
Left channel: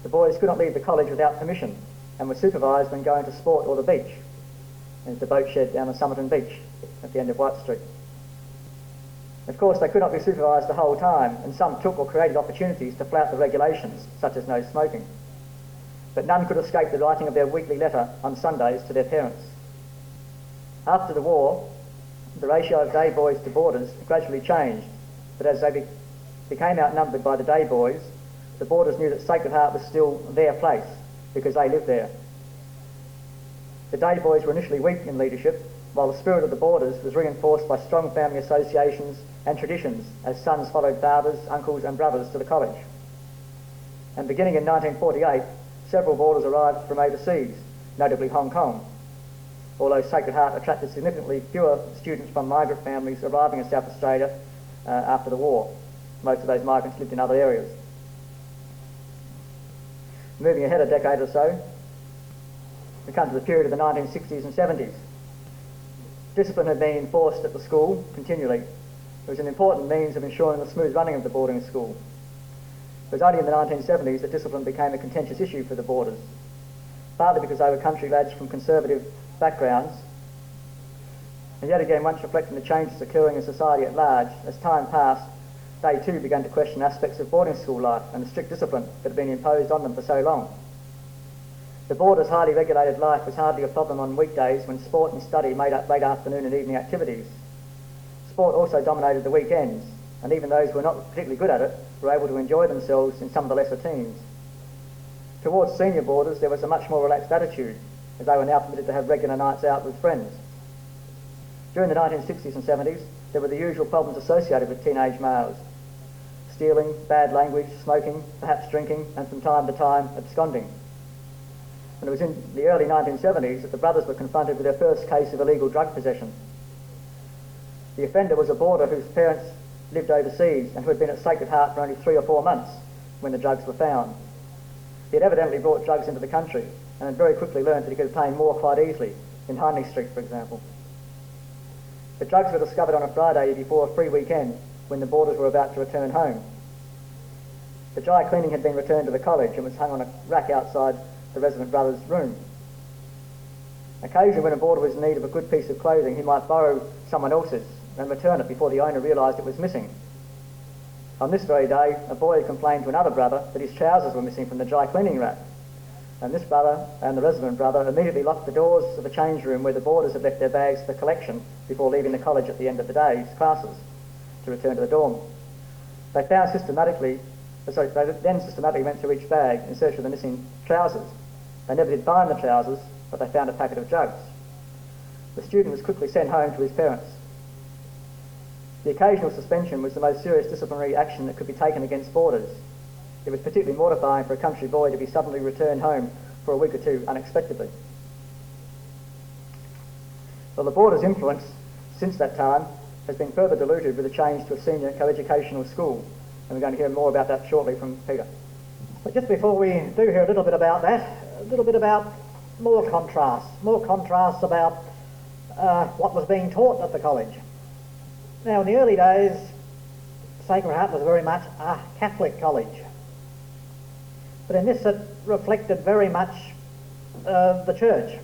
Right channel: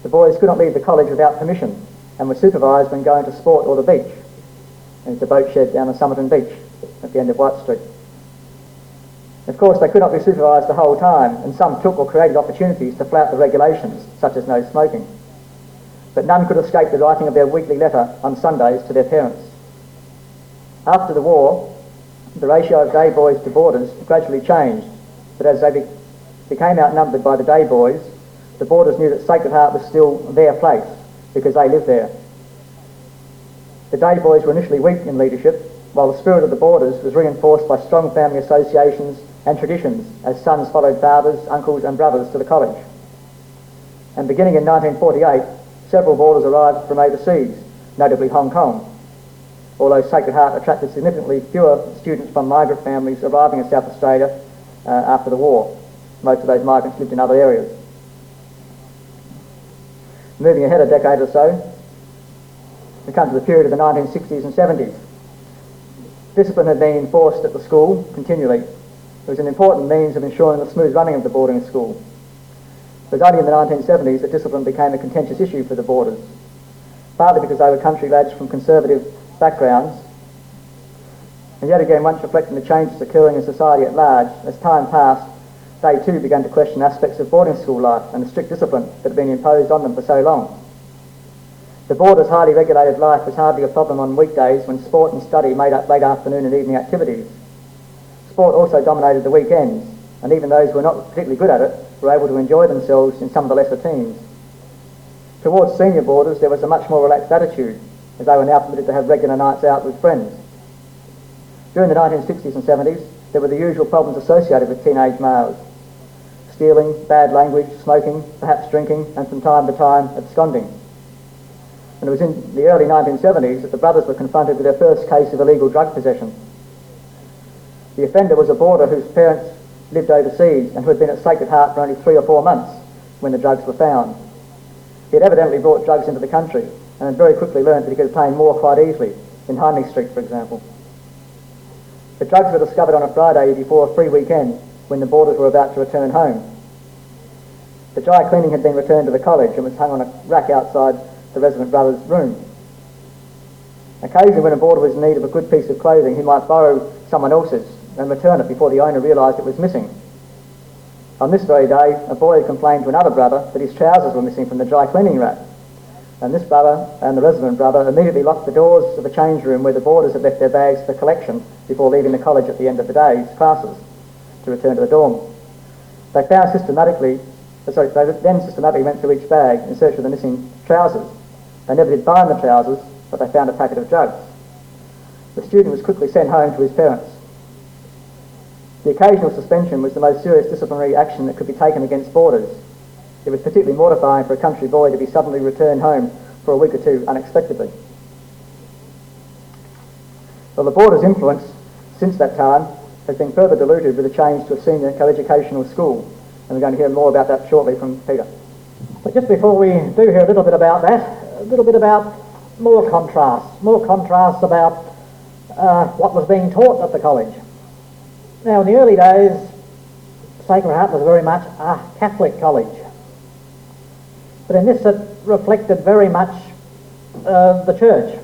The boys could not leave the college without permission and were supervised when going to sport or the beach. There's the boat shed down on Somerton Beach at the end of White Street. Of course, they could not be supervised the whole time, and some took or created opportunities to flout the regulations, such as no smoking. But none could escape the writing of their weekly letter on Sundays to their parents. After the war, the ratio of day boys to boarders gradually changed, but as they became outnumbered by the day boys, the boarders knew that Sacred Heart was still their place because they lived there. The day boys were initially weak in leadership, while the spirit of the boarders was reinforced by strong family associations and traditions as sons followed fathers, uncles and brothers to the college. And beginning in 1948, several boarders arrived from overseas, notably Hong Kong, although Sacred Heart attracted significantly fewer students from migrant families arriving in South Australia after the war. Most of those migrants lived in other areas. Moving ahead a decade or so, we come to the period of the 1960s and 70s. Discipline had been enforced at the school continually. It was an important means of ensuring the smooth running of the boarding school. It was only in the 1970s that discipline became a contentious issue for the boarders, partly because they were country lads from conservative backgrounds, and yet again once reflecting the changes occurring in society at large. As time passed, they too began to question aspects of boarding school life and the strict discipline that had been imposed on them for so long. The boarders' highly regulated life was hardly a problem on weekdays when sport and study made up late afternoon and evening activities. Sport also dominated the weekends, and even those who were not particularly good at it were able to enjoy themselves in some of the lesser teams. Towards senior boarders there was a much more relaxed attitude, as they were now permitted to have regular nights out with friends. During the 1960s and 70s, there were the usual problems associated with teenage males: stealing, bad language, smoking, perhaps drinking, and from time to time absconding. And it was in the early 1970s that the brothers were confronted with their first case of illegal drug possession. The offender was a boarder whose parents lived overseas and who had been at Sacred Heart for only 3 or 4 months when the drugs were found. He had evidently brought drugs into the country and had very quickly learned that he could obtain more quite easily, in Hindley Street for example. The drugs were discovered on a Friday before a free weekend when the boarders were about to return home. The dry cleaning had been returned to the college and was hung on a rack outside the resident brother's room. Occasionally when a boarder was in need of a good piece of clothing, he might borrow someone else's and return it before the owner realised it was missing. On this very day, a boy had complained to another brother that his trousers were missing from the dry cleaning rack, and this brother and the resident brother immediately locked the doors of the change room where the boarders had left their bags for collection before leaving the college at the end of the day's classes to return to the dorm. They then systematically went through each bag in search of the missing trousers. They never did find the trousers, but they found a packet of drugs. The student was quickly sent home to his parents. The occasional suspension was the most serious disciplinary action that could be taken against boarders. It was particularly mortifying for a country boy to be suddenly returned home for a week or two unexpectedly. Well, the boarders' influence since that time has been further diluted with a change to a senior co-educational school, and we're going to hear more about that shortly from Peter. But just before we do hear a little bit about that, a little bit about more contrasts about what was being taught at the college. Now, in the early days, Sacred Heart was very much a Catholic college. But in this, it reflected very much the church.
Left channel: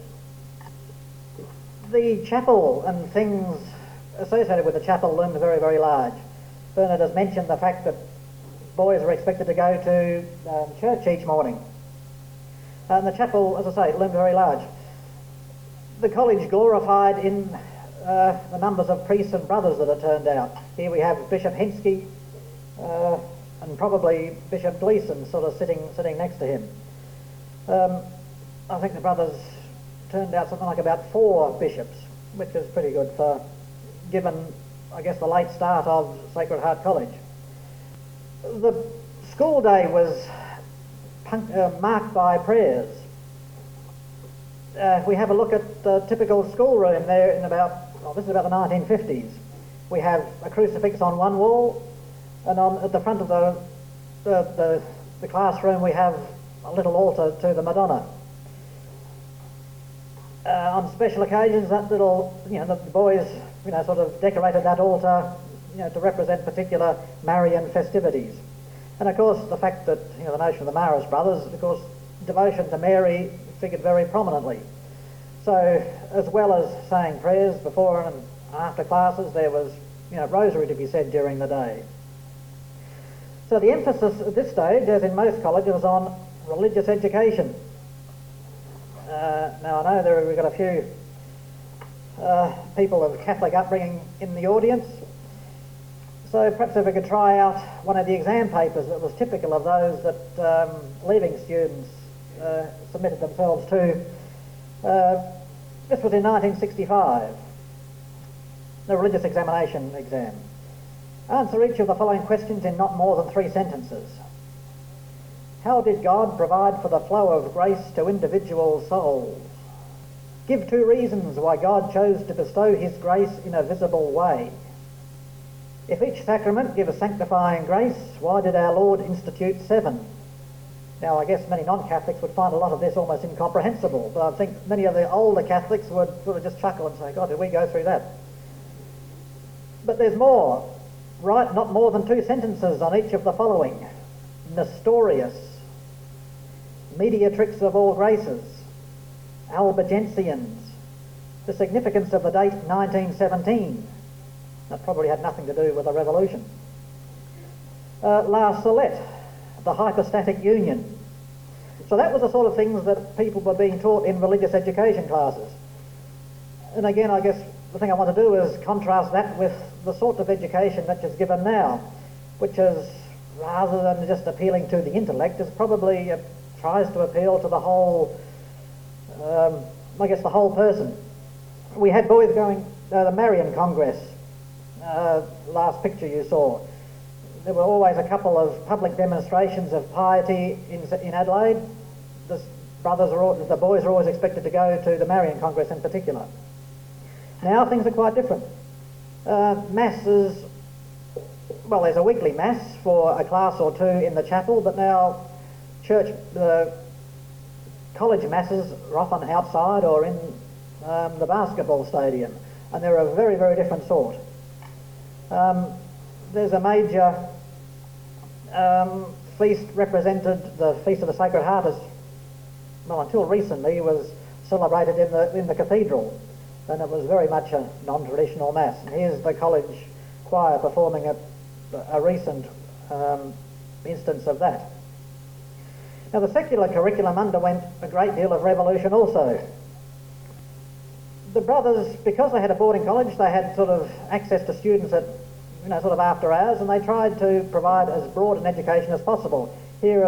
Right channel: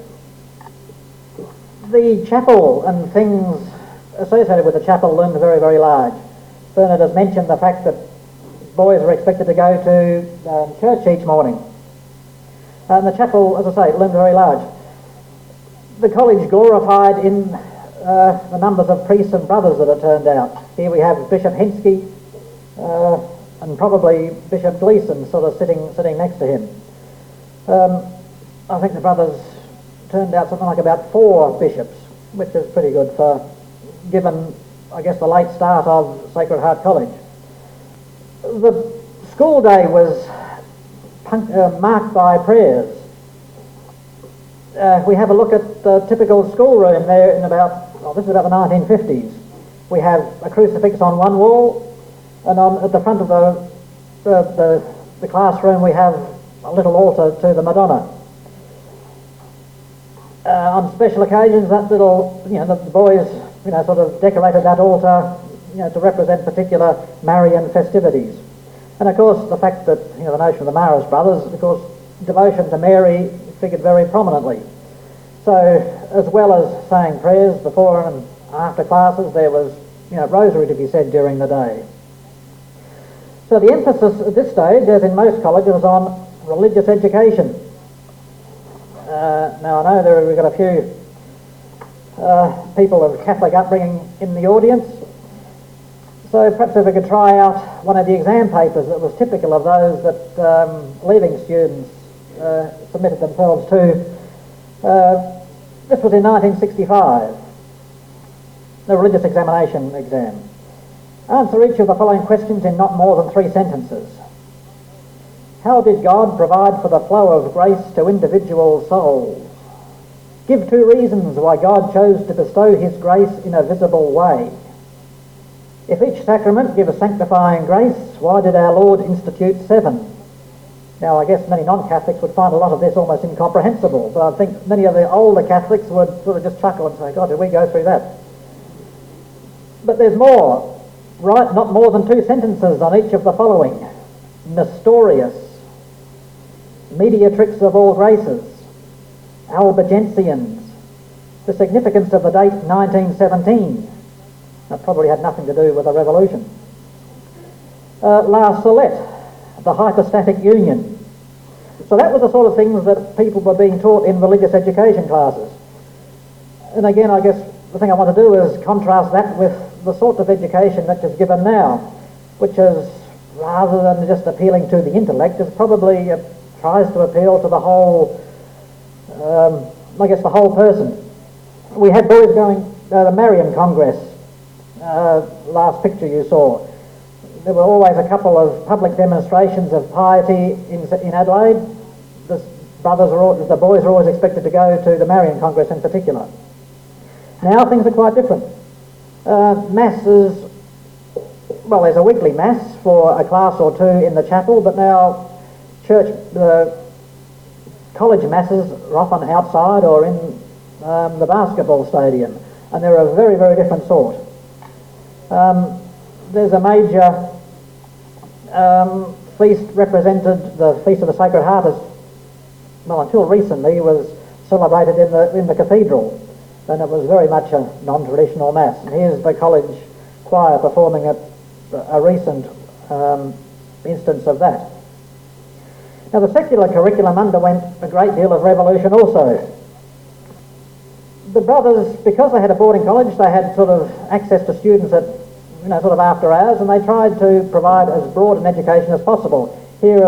The chapel and things associated with the chapel loomed very, very large. Bernard has mentioned the fact that boys were expected to go to church each morning. And the chapel, as I say, loomed very large. The college glorified in the numbers of priests and brothers that had turned out. Here we have Bishop Henske and probably Bishop Gleeson sort of sitting next to him. I think the brothers turned out something like about 4 bishops, which is pretty good for, given, I guess, the late start of Sacred Heart College. The school day was marked by prayers. We have a look at the typical schoolroom there in this is about the 1950s. We have a crucifix on one wall, and at the front of the classroom we have a little altar to the Madonna. On special occasions, that little, the boys, sort of decorated that altar, to represent particular Marian festivities. And of course, the fact that, the notion of the Marist Brothers, of course, devotion to Mary figured very prominently. So, as well as saying prayers before and after classes, there was, rosary to be said during the day. So the emphasis at this stage, as in most colleges, is on religious education. Now I know we've got a few people of Catholic upbringing in the audience, so perhaps if we could try out one of the exam papers that was typical of those that leaving students submitted themselves to. This was in 1965, the religious examination exam. Answer each of the following questions in not more than 3 sentences. How did God provide for the flow of grace to individual souls? Give 2 reasons why God chose to bestow his grace in a visible way. If each sacrament gives sanctifying grace, why did our Lord institute 7? Now, I guess many non-Catholics would find a lot of this almost incomprehensible, but I think many of the older Catholics would sort of just chuckle and say, God, did we go through that? But there's more. Write not more than 2 sentences on each of the following. Nestorius, mediatrix of all graces, Albigensians, the significance of the date 1917. That probably had nothing to do with the revolution. La Salette, the hypostatic union. So that was the sort of things that people were being taught in religious education classes. And again, I guess the thing I want to do is contrast that with the sort of education that is given now, which is, rather than just appealing to the intellect, is probably tries to appeal to the whole, the whole person. We had boys going the Marian Congress, last picture you saw. There were always a couple of public demonstrations of piety in Adelaide. The boys are always expected to go to the Marian Congress in particular. Now things are quite different. Masses, well, there's a weekly mass for a class or 2 in the chapel, but now college masses are often outside or in the basketball stadium, and they're a very, very different sort. There's a major feast represented, the Feast of the Sacred Heart, until recently was celebrated in the cathedral, and it was very much a non-traditional mass. And here's the college choir performing a recent instance of that. Now the secular curriculum underwent a great deal of revolution also. The brothers, because they had a boarding college, they had sort of access to students at sort of after hours, and they tried to provide as broad an education as possible. Here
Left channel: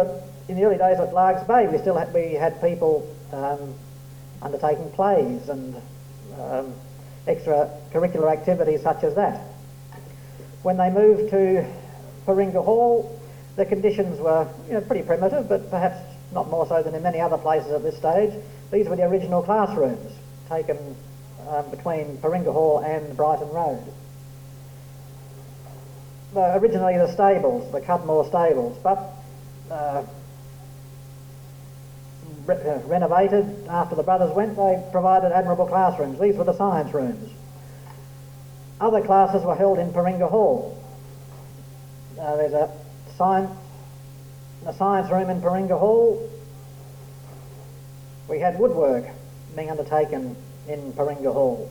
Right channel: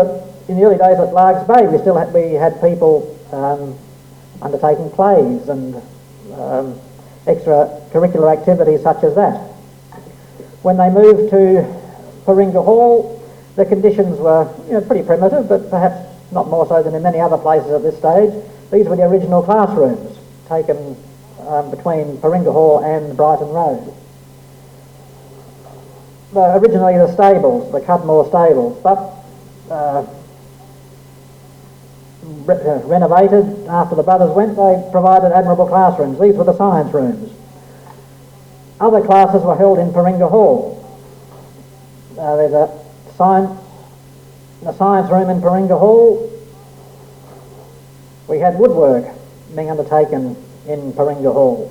in the early days at Largs Bay, we had people undertaking plays and extracurricular activities such as that. When they moved to Paringa Hall, the conditions were pretty primitive, but perhaps not more so than in many other places at this stage. These were the original classrooms taken between Paringa Hall and Brighton Road. Originally the stables, the Cudmore stables, but renovated after the brothers went. They provided admirable classrooms. These were the science rooms. Other classes were held in Paringa Hall. There's a science room in Paringa Hall. We had woodwork being undertaken in Paringa Hall.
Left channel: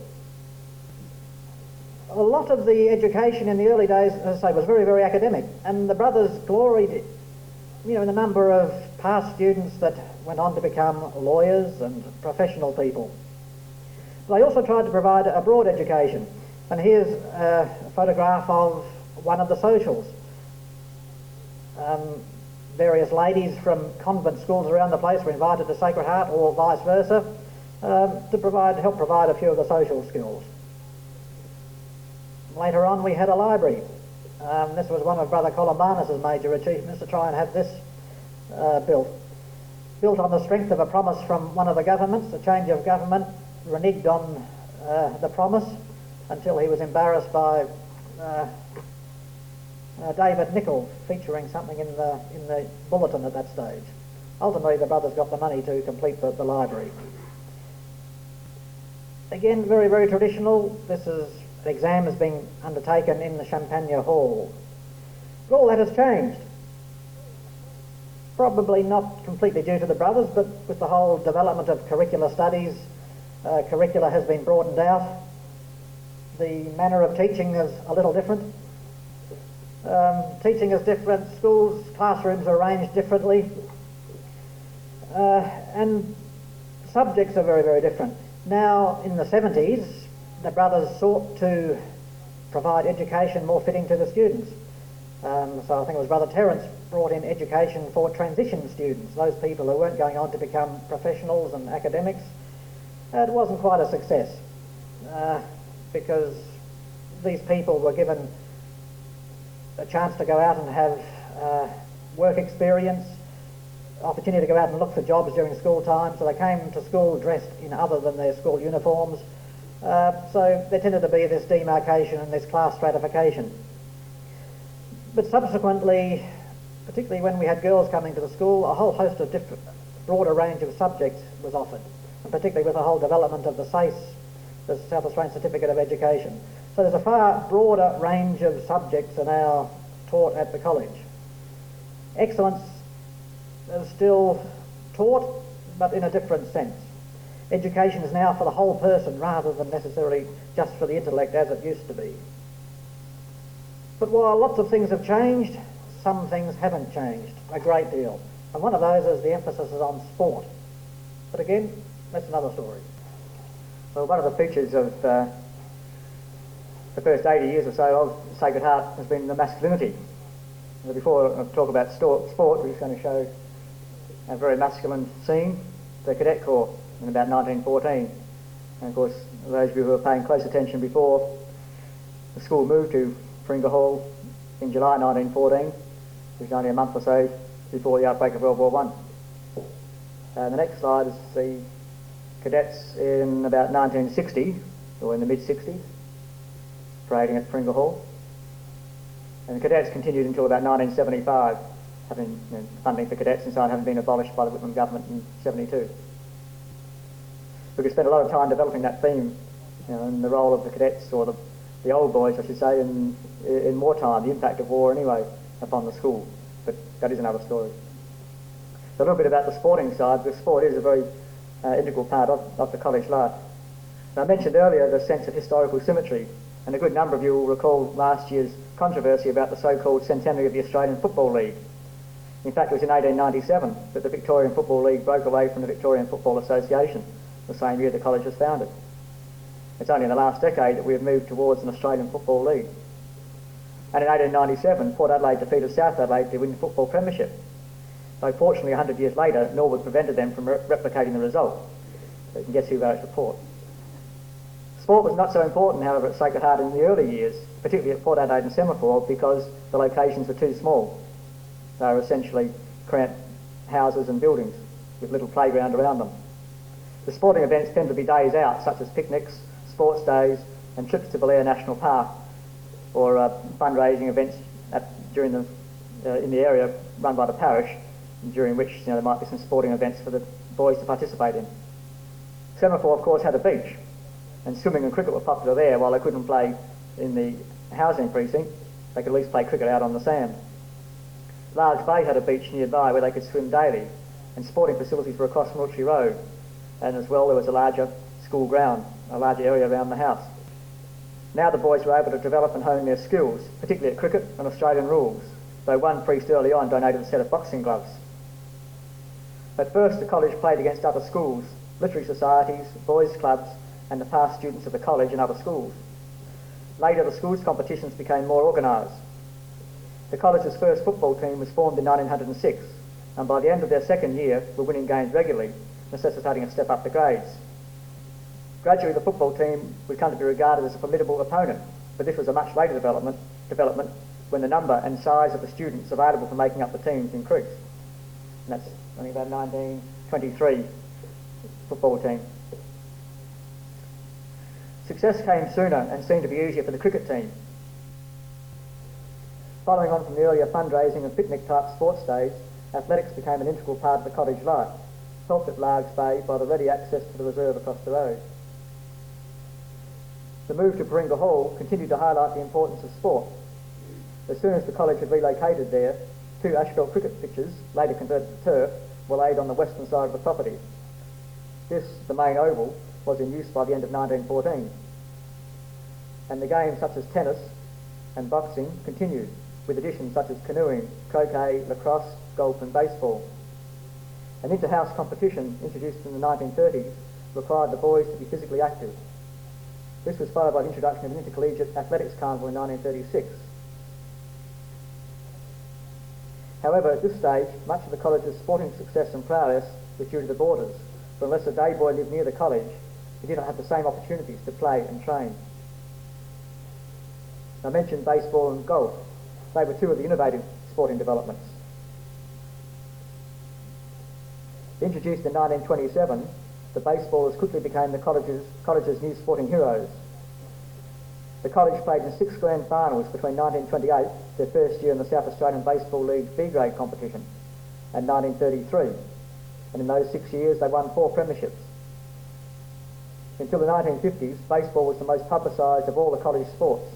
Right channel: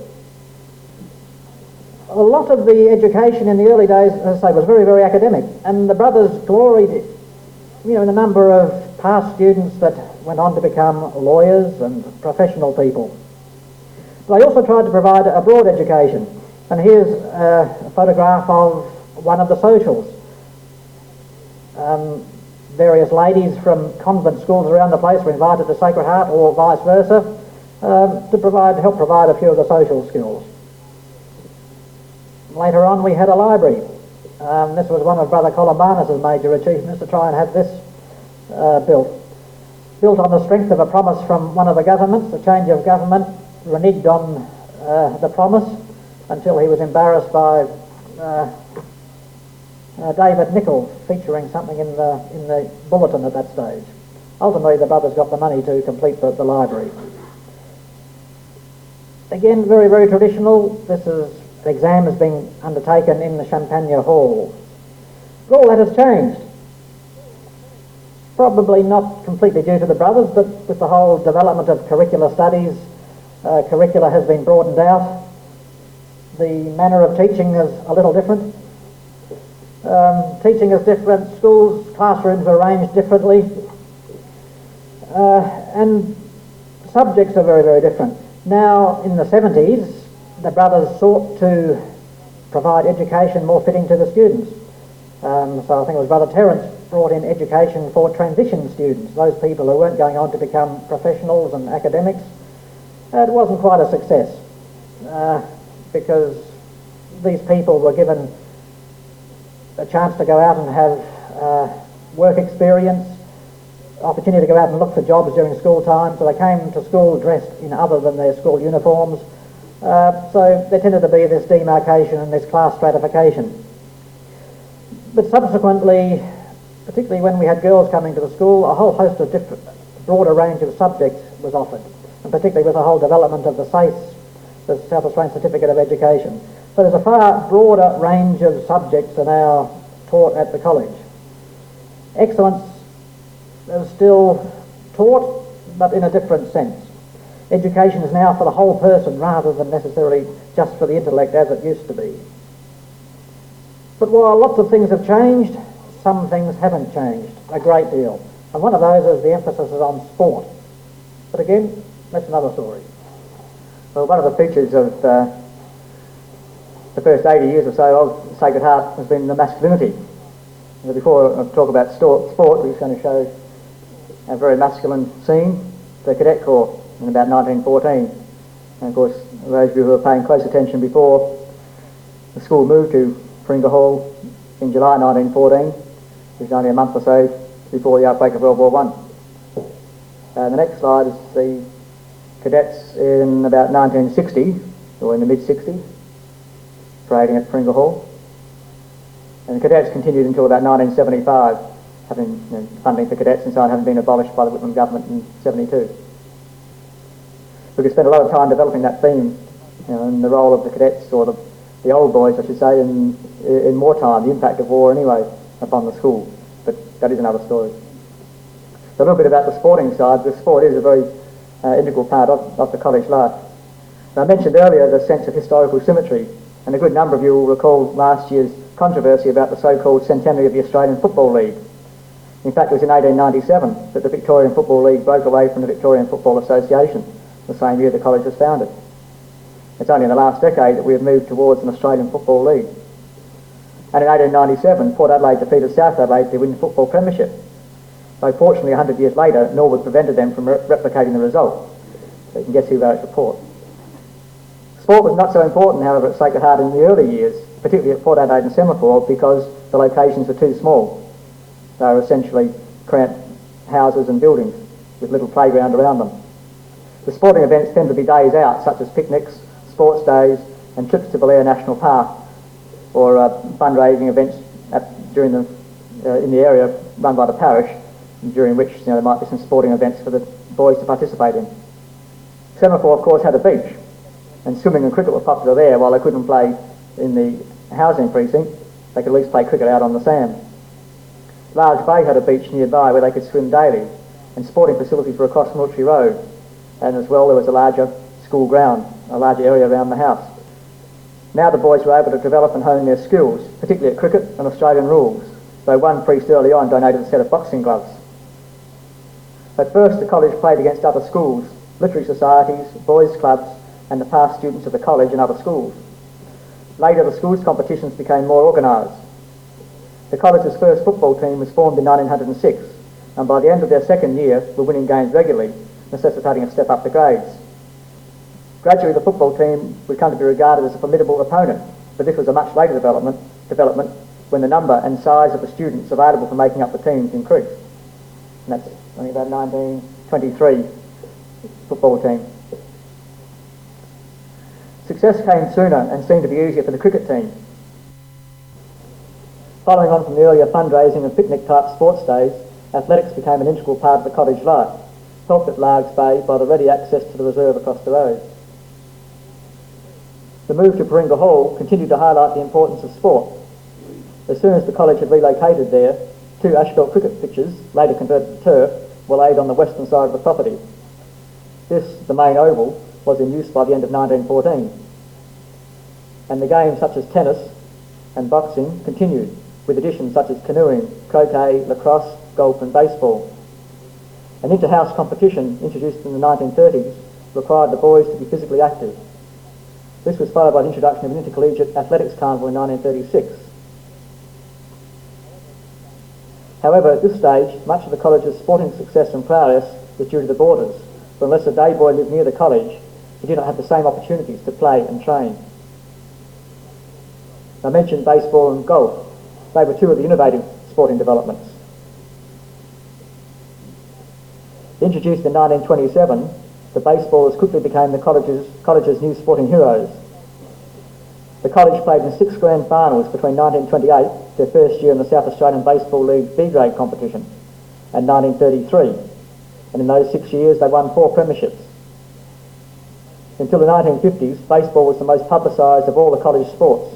A lot of the education in the early days, as I say, was very, very academic, and the brothers gloried, in the number of past students that went on to become lawyers and professional people. They also tried to provide a broad education, and here's a photograph of one of the socials. Various ladies from convent schools around the place were invited to Sacred Heart, or vice versa, to help provide a few of the social skills. Later on we had a library. This was one of Brother Columbanus's major achievements, to try and have this built. built on the strength of a promise from one of the governments. The change of government reneged on the promise until he was embarrassed by David Nichols featuring something in the bulletin at that stage. Ultimately, the brothers got the money to complete the library. Again, very, very traditional. This is an exam is being undertaken in the Champagne Hall. But all that has changed. Probably not completely due to the brothers, but with the whole development of curricular studies, curricula has been broadened out. The manner of teaching is a little different. Teaching is different, schools, classrooms are arranged differently, and subjects are very, very different. Now, in the 70s, the brothers sought to provide education more fitting to the students. So I think it was Brother Terence brought in education for transition students, those people who weren't going on to become professionals and academics. It wasn't quite a success because these people were given a chance to go out and have work experience, opportunity to go out and look for jobs during school time, so they came to school dressed in other than their school uniforms. So there tended to be this demarcation and this class stratification. But subsequently, particularly when we had girls coming to the school, a whole host of different, broader range of subjects was offered, and particularly with the whole development of the SACE, the South Australian Certificate of Education. So there's a far broader range of subjects are now taught at the college. Excellence is still taught, but in a different sense. Education is now for the whole person rather than necessarily just for the intellect as it used to be. But while lots of things have changed, some things haven't changed a great deal. And one of those is the emphasis is on sport. But again, that's another story. Well, one of the features of the first 80 years or so of Sacred Heart has been the masculinity. Before I talk about sport, we're just going to show a very masculine scene, the Cadet Corps in about 1914. And of course, those of you who were paying close attention before, the school moved to Fringa Hall in July 1914, which was only a month or so before the outbreak of World War I. And the next slide is the cadets in about 1960, or in the mid-60s, parading at Fringa Hall. And the cadets continued until about 1975, having funding for cadets and so on having been abolished by the Whitlam government in 72. We could spend a lot of time developing that theme, and the role of the cadets, or the old boys, I should say, in wartime, the impact of war anyway upon the school. But that is another story. So a little bit about the sporting side. The sport is a very integral part of the college life. Now, I mentioned earlier the sense of historical symmetry, and a good number of you will recall last year's controversy about the so-called centenary of the Australian Football League. In fact, it was in 1897 that the Victorian Football League broke away from the Victorian Football Association, the same year the college was founded. It's only in the last decade that we have moved towards an Australian Football League. And in 1897, Port Adelaide defeated South Adelaide to win the football premiership. Though fortunately 100 years later, Norwood prevented them from replicating the result. So you can guess who wrote the report. Sport was not so important, however, at Sacred Heart in the early years, particularly at Port Adelaide and Semaphore, because the locations were too small. They were essentially cramped houses and buildings with little playground around them. The sporting events tend to be days out, such as picnics, sports days, and trips to Belair National Park, or fundraising events in the area run by the parish, during which there might be some sporting events for the boys to participate in. Semaphore, of course, had a beach, and swimming and cricket were popular there. While they couldn't play in the housing precinct, they could at least play cricket out on the sand. Large Bay had a beach nearby where they could swim daily, and sporting facilities were across Military Road, and as well there was a larger school ground, a larger area around the house. Now the boys were able to develop and hone their skills, particularly at cricket and Australian rules, though one priest early on donated a set of boxing gloves. At first the college played against other schools, literary societies, boys' clubs, and the past students of the college and other schools. Later the schools' competitions became more organised. The college's first football team was formed in 1906, and by the end of their second year were winning games regularly, necessitating a step up the grades. Gradually the football team would come to be regarded as a formidable opponent, but this was a much later development when the number and size of the students available for making up the teams increased. And that's only about 1923 football team. Success came sooner and seemed to be easier for the cricket team. Following on from the earlier fundraising and picnic type sports days, athletics became an integral part of the cottage life, helped at Largs Bay by the ready access to the reserve across the road. The move to Paringa Hall continued to highlight the importance of sport. As soon as the college had relocated there, 2 asphalt cricket pitches, later converted to turf, were laid on the western side of the property. This, the main oval, was in use by the end of 1914. And the games such as tennis and boxing continued, with additions such as canoeing, croquet, lacrosse, golf and baseball. An inter-house competition introduced in the 1930s required the boys to be physically active. This was followed by the introduction of an intercollegiate athletics carnival in 1936. However, at this stage, much of the college's sporting success and prowess was due to the boarders, for unless a day boy lived near the college, he did not have the same opportunities to play and train. I mentioned baseball and golf. They were 2 of the innovative sporting developments. Introduced in 1927, the baseballers quickly became the college's new sporting heroes. The college played in 6 grand finals between 1928, their first year in the South Australian Baseball League B-grade competition, and 1933. And in those 6 years they won 4 premierships. Until the 1950s, baseball was the most publicised of all the college sports.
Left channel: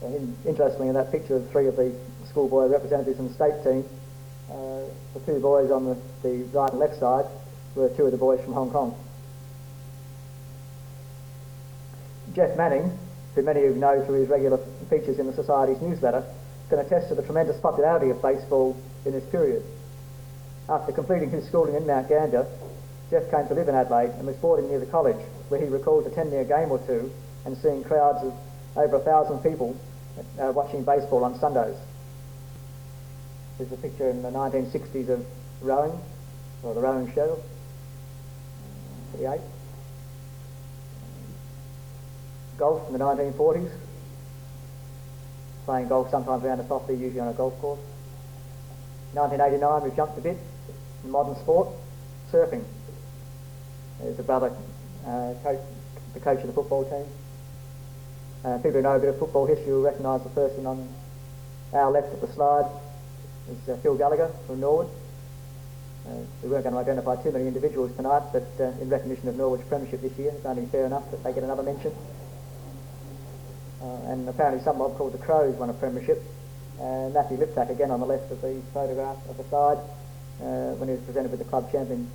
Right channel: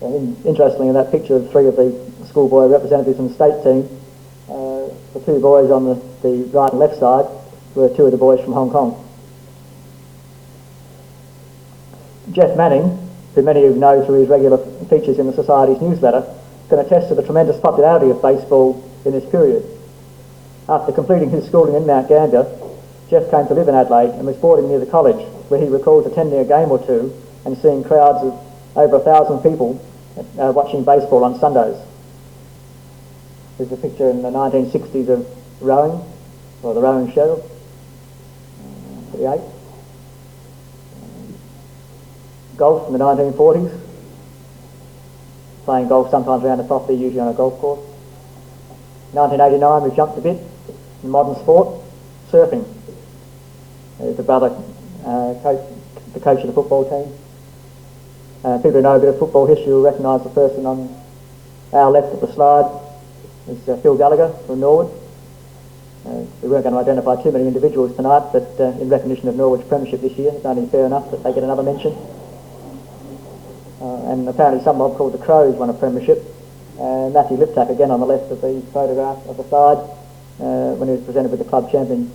And interestingly, in that picture of 3 of the schoolboy representatives from the state team, the 2 boys on the right and left side were 2 of the boys from Hong Kong. Jeff Manning, who many of you know through his regular features in the Society's newsletter, can attest to the tremendous popularity of baseball in this period. After completing his schooling in Mount Gambier, Jeff came to live in Adelaide and was boarding near the college, where he recalls attending a game or 2 and seeing crowds of over 1,000 people watching baseball on Sundays. There's a picture in the 1960s of rowing, or the rowing show, 38. Golf in the 1940s, playing golf sometimes around the property, usually on a golf course. 1989, we've jumped a bit in modern sport, surfing. There's the brother, the coach of the football team. People who know a bit of football history will recognise the person on our left of the slide. It's Phil Gallagher from Norwood. We weren't going to identify too many individuals tonight, but in recognition of Norwood's premiership this year, it's only fair enough that they get another mention. And apparently some mob called the Crows won a premiership. Matthew Liptak, again on the left of the photograph of the side, when he was presented with the club champion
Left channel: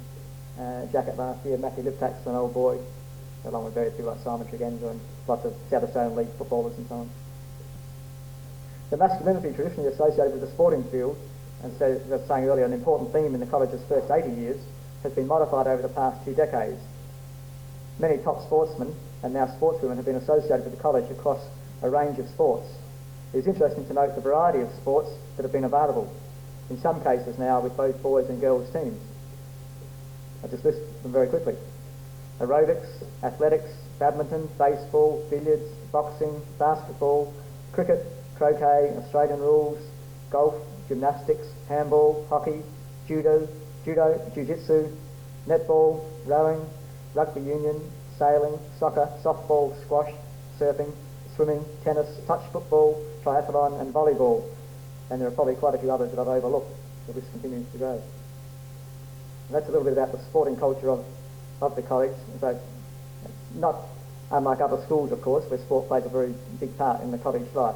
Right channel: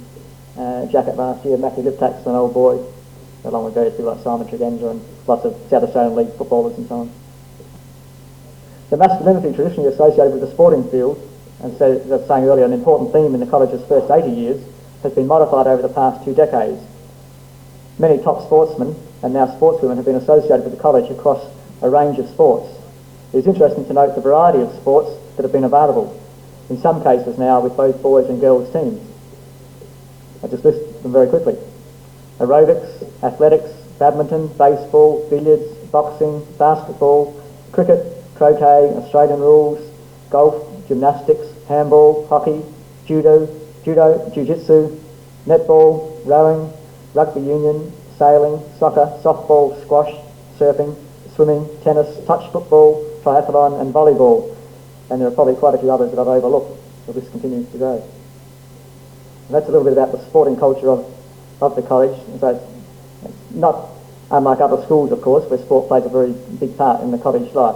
jacket last year. Matthew Liptak's an old boy, along with various people like Simon Tregenza and lots of South Australian League footballers and so on. The masculinity traditionally associated with the sporting field, and so, as I was saying earlier, an important theme in the college's first 80 years, has been modified over the past 2 decades. Many top sportsmen and now sportswomen have been associated with the college across a range of sports. It is interesting to note the variety of sports that have been available, in some cases now with both boys and girls teams. I'll just list them very quickly. Aerobics, athletics, badminton, baseball, billiards, boxing, basketball, cricket, croquet, Australian rules, golf, gymnastics, handball, hockey, judo, jiu-jitsu, netball, rowing, rugby union, sailing, soccer, softball, squash, surfing, swimming, tennis, touch football, triathlon and volleyball. And there are probably quite a few others that I've overlooked, so this continues to go. And that's a little bit about the sporting culture of the college. So not unlike other schools, of course, where sport plays a very big part in the college life.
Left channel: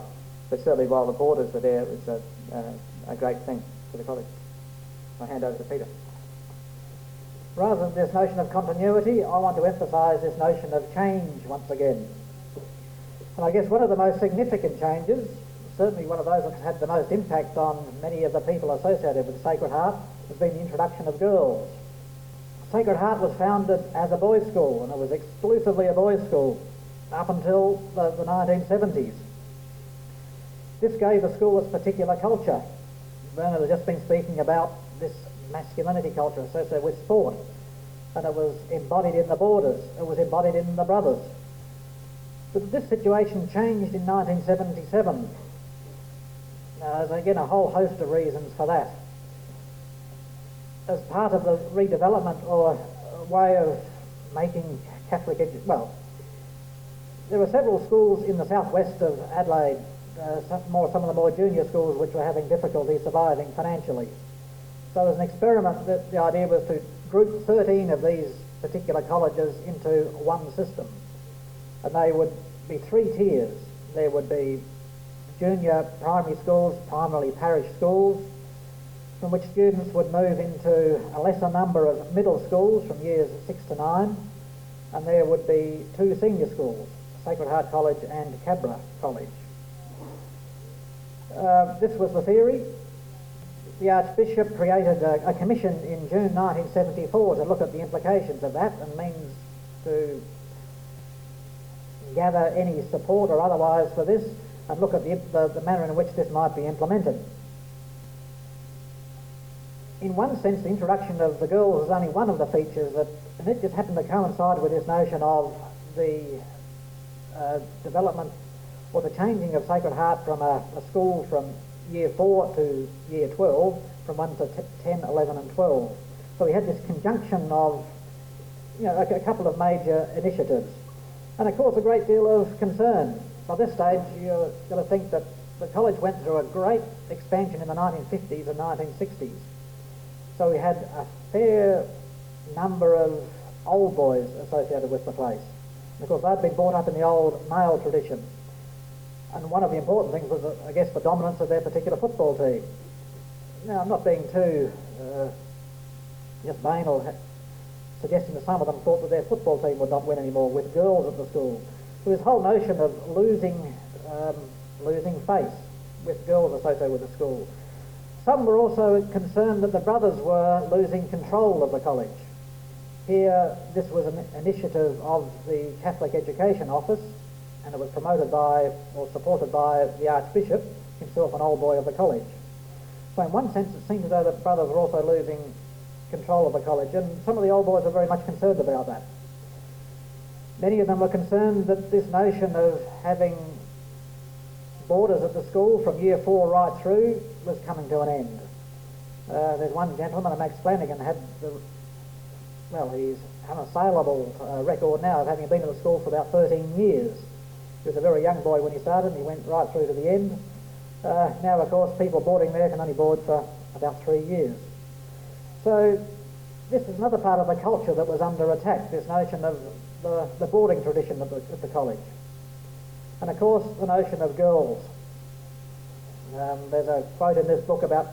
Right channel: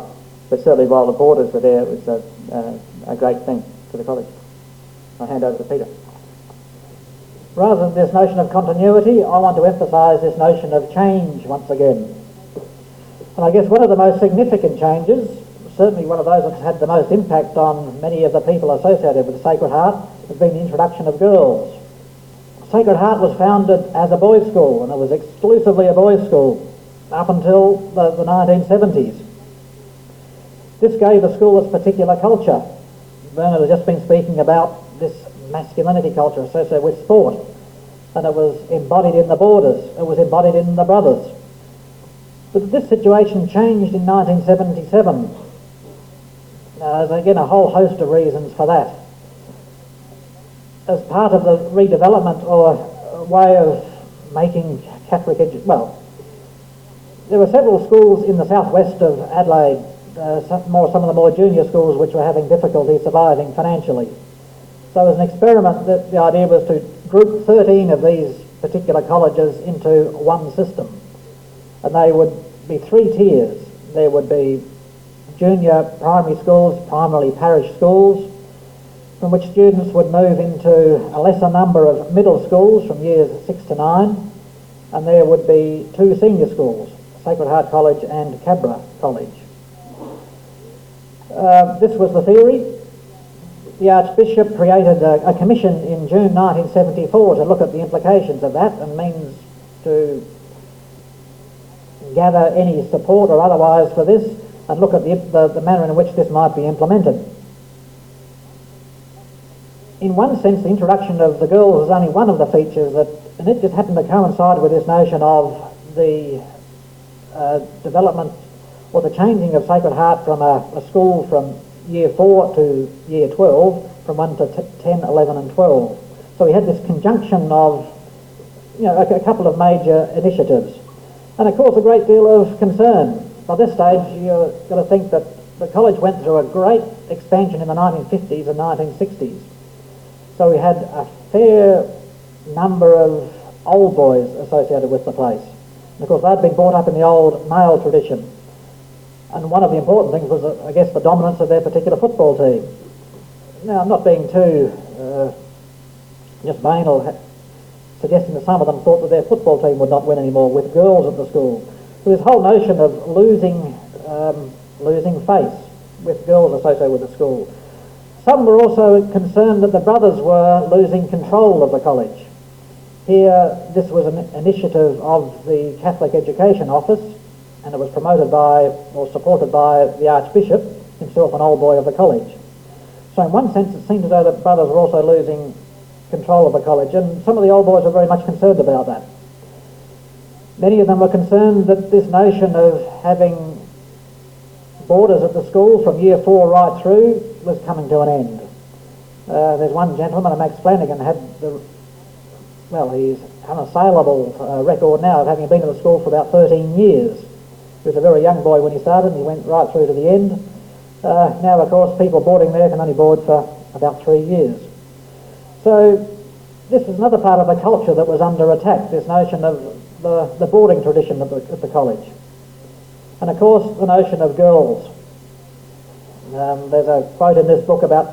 But certainly while the boarders were there, it was a great thing for the college. I'll hand over to Peter. Rather than this notion of continuity, I want to emphasise this notion of change once again. And I guess one of the most significant changes, certainly one of those that's had the most impact on many of the people associated with the Sacred Heart, has been the introduction of girls. Sacred Heart was founded as a boys' school, and it was exclusively a boys' school up until the 1970s. This gave the school its particular culture. Bernard has just been speaking about this masculinity culture associated with sport, and it was embodied in the boarders, it was embodied in the brothers. But this situation changed in 1977 There's again a whole host of reasons for that. As part of the redevelopment or way of making Catholic education, there were several schools in the southwest of Adelaide, some of the more junior schools which were having difficulty surviving financially. So as an experiment, the idea was to group 13 of these particular colleges into one system. And they would be 3 tiers. There would be junior primary schools, primarily parish schools, from which students would move into a lesser number of middle schools from years 6 to 9, and there would be 2 senior schools, Sacred Heart College and Cabra College. This was the theory. The Archbishop created a commission in June 1974 to look at the implications of that and means to gather any support or otherwise for this and look at the manner in which this might be implemented. In one sense, the introduction of the girls was only one of the features and it just happened to coincide with this notion of the development or the changing of Sacred Heart from a school from year 4 to year 12, from 1 to 10, 11 and 12. So we had this conjunction of a couple of major initiatives. And of course a great deal of concern. By this stage you've got to think that the college went through a great expansion in the 1950s and 1960s. So we had a fair number of old boys associated with the place. And of course they'd been brought up in the old male tradition. And one of the important things was, I guess, the dominance of their particular football team. Now, I'm not being too just banal, suggesting that some of them thought that their football team would not win anymore with girls at the school. So this whole notion of losing face with girls associated with the school. Some were also concerned that the brothers were losing control of the college. Here, this was an initiative of the Catholic Education Office, and it was promoted by, or supported by, the Archbishop, himself an old boy of the college. So in one sense it seemed as though the brothers were also losing control of the college, and some of the old boys were very much concerned about that. Many of them were concerned that this notion of having boarders at the school from year 4 right through was coming to an end. There's one gentleman, Max Flanagan, he's unassailable record now of having been at the school for about 13 years. He was a very young boy when he started and he went right through to the end. Now, of course, people boarding there can only board for about 3 years. So this is another part of the culture that was under attack, this notion of the boarding tradition at the college. And of course, the notion of girls. There's a quote in this book about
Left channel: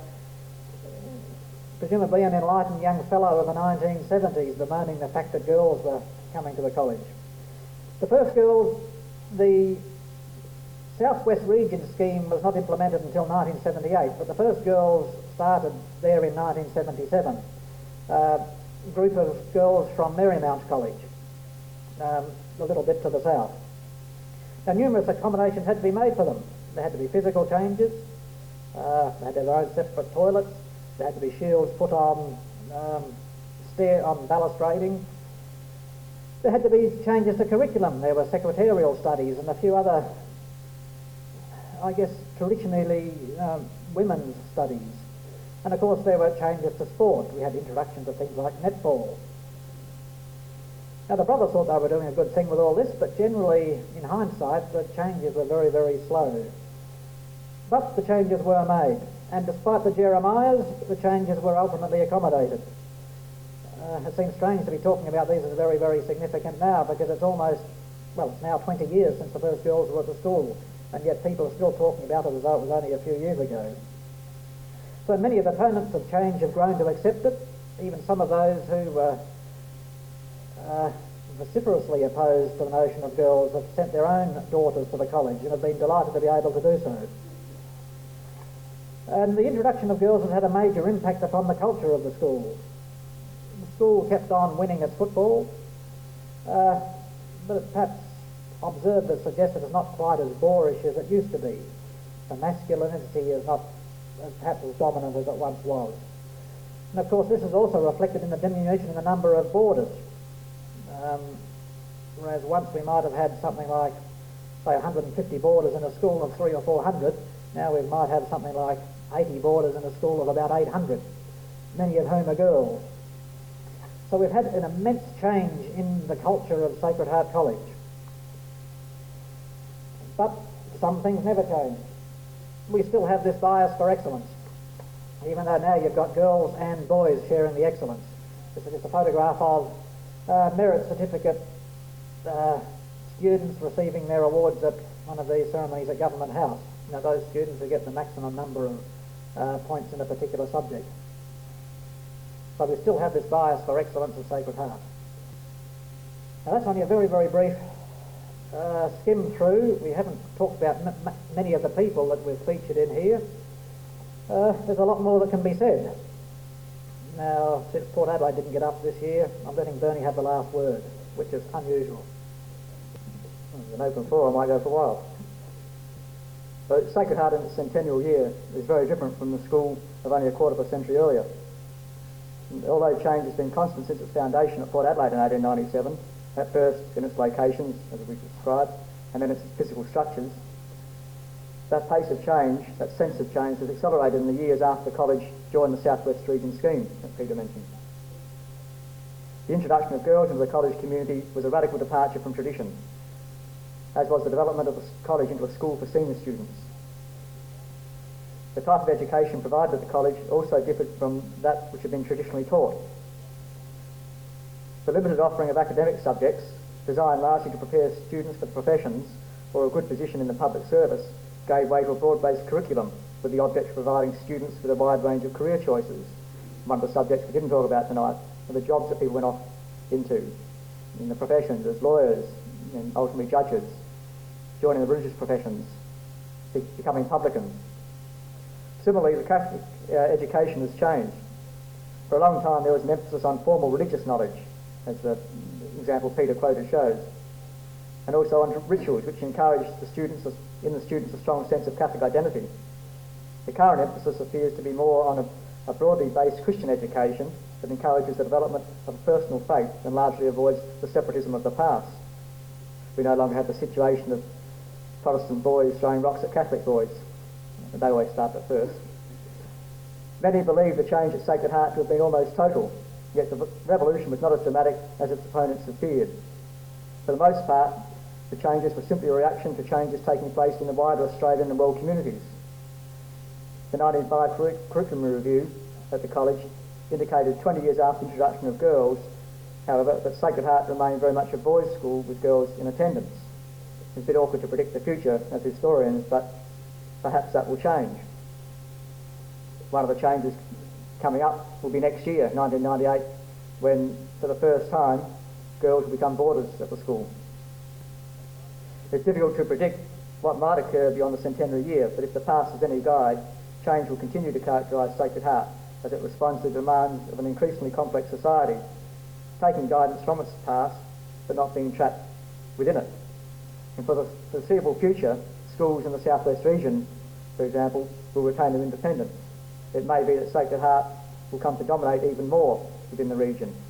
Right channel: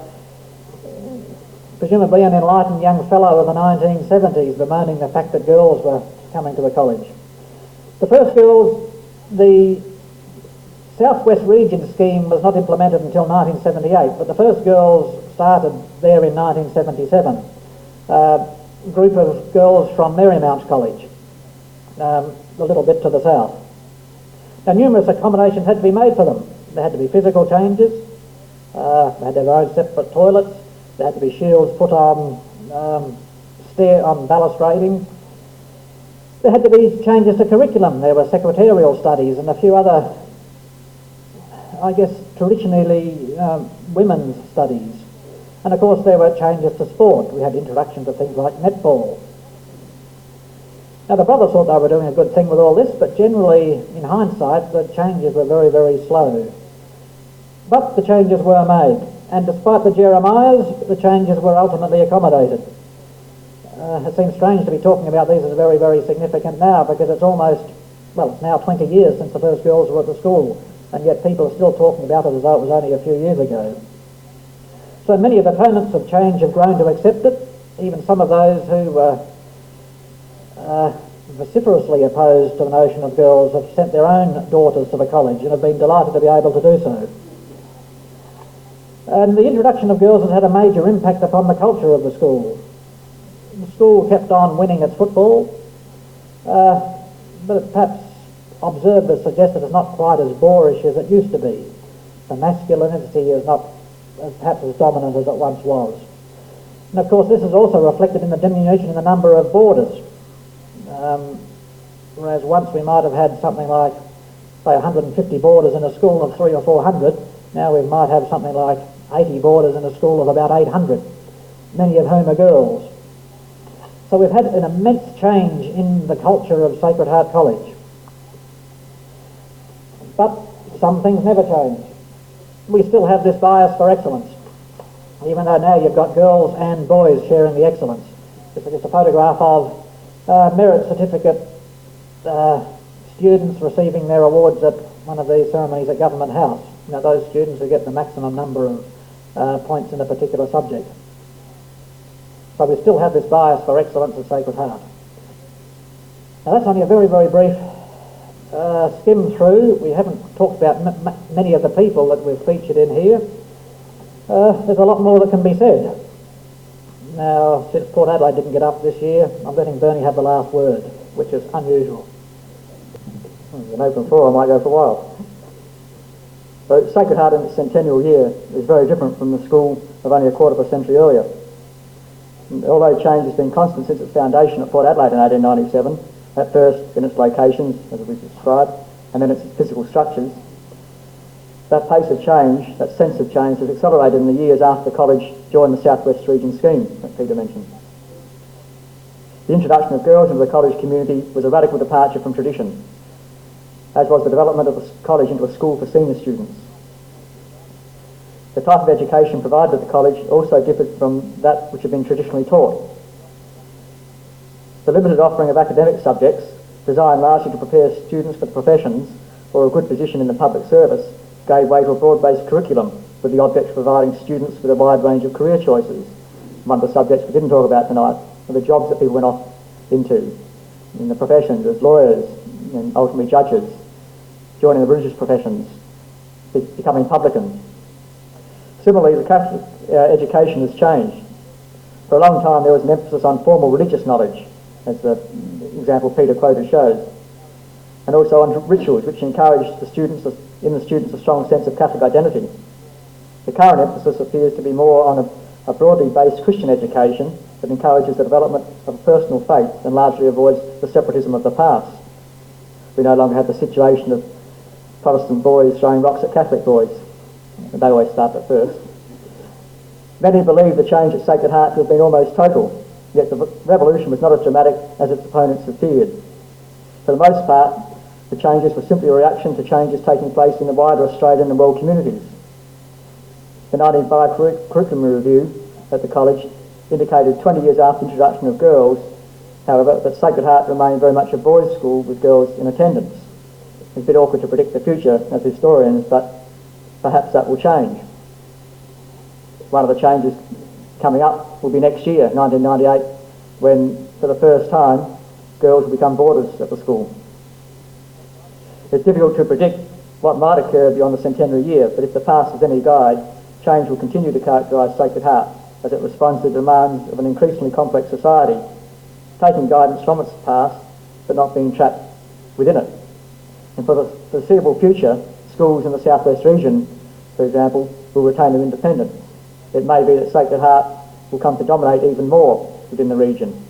presumably an enlightened young fellow of the 1970s bemoaning the fact that girls were coming to the college. The first girls, the Southwest Region scheme was not implemented until 1978, but the first girls started there in 1977. A group of girls from Marymount College, a little bit to the south. Now, numerous accommodations had to be made for them. There had to be physical changes, they had their own separate toilets, there had to be shields put on balustrading. There had to be changes to curriculum. There were secretarial studies and a few other, I guess, traditionally women's studies. And of course there were changes to sport. We had introduction to things like netball. Now the brothers thought they were doing a good thing with all this, but generally, in hindsight, the changes were very, very slow. But the changes were made, and despite the Jeremiahs, the changes were ultimately accommodated. It seems strange to be talking about these as very, very significant now, because it's it's now 20 years since the first girls were at the school, and yet people are still talking about it as though it was only a few years ago. So many of the opponents of change have grown to accept it, even some of those who were vociferously opposed to the notion of girls have sent their own daughters to the college and have been delighted to be able to do so. And the introduction of girls has had a major impact upon the culture of the school. The school kept on winning its football, but perhaps observers suggested it's not quite as boorish as it used to be. The masculinity is not perhaps as dominant as it once was. And of course this is also reflected in the diminution in the number of boarders. Whereas once we might have had something like, say, 150 boarders in a school of 300 or 400, Now we might have something like 80 boarders in a school of about 800, many of whom are girls. So we've had an immense change in the culture of Sacred Heart College. But some things never change. We still have this bias for excellence, even though now you've got girls and boys sharing the excellence. This is just a photograph of merit certificate students receiving their awards at one of these ceremonies at Government House. Now those students who get the maximum number of points in a particular subject. So we still have this bias for excellence at Sacred Heart. Now that's only a very, very brief skim through. We haven't talked about many of the people that we've featured in here. There's a lot more that can be said. Now, since Port Adelaide didn't get up this year, I'm letting Bernie have the last word, which is unusual. An open floor, I might go for a while. So Sacred Heart in its centennial year is very different from the school of only a quarter of a century earlier. And although change has been constant since its foundation at Port Adelaide in 1897, at first in its locations, as we described, and then its physical structures, that pace of change, that sense of change, has accelerated in the years after the college joined the South West Region scheme that Peter mentioned. The introduction of girls into the college community was a radical departure from tradition, as was the development of the college into a school for senior students. The type of education provided at the college also differed from that which had been traditionally taught. The limited offering of academic subjects, designed largely to prepare students for the professions or a good position in the public service, gave way to a broad-based curriculum with the object of providing students with a wide range of career choices. One of the subjects we didn't talk about tonight were the jobs that people went off into in the professions as lawyers and ultimately judges, joining the religious professions, becoming publicans. Similarly, the Catholic education has changed. For a long time there was an emphasis on formal religious knowledge, as the example Peter quoted shows, and also on rituals which encouraged the students a strong sense of Catholic identity. The current emphasis appears to be more on a broadly based Christian education that encourages the development of a personal faith and largely avoids the separatism of the past. We no longer have the situation of Protestant boys throwing rocks at Catholic boys. They always start at first. Many believe the change at Sacred Heart to have been almost total, yet the revolution was not as dramatic as its opponents had feared. For the most part, the changes were simply a reaction to changes taking place in the wider Australian and world communities. The 1905 curriculum review at the college indicated 20 years after the introduction of girls, however, that Sacred Heart remained very much a boys' school with girls in attendance. It's a bit awkward to predict the future as historians, but perhaps that will change. One of the changes coming up will be next year, 1998, when, for the first time, girls will become boarders at the school. It's difficult to predict what might occur beyond the centenary year, but if the past is any guide, change will continue to characterise Sacred Heart as it responds to the demands of an increasingly complex society, taking guidance from its past, but not being trapped within it. And for the foreseeable future, schools in the South West region, for example, will retain their independence. It may be that Sacred Heart will come to dominate even more within the region.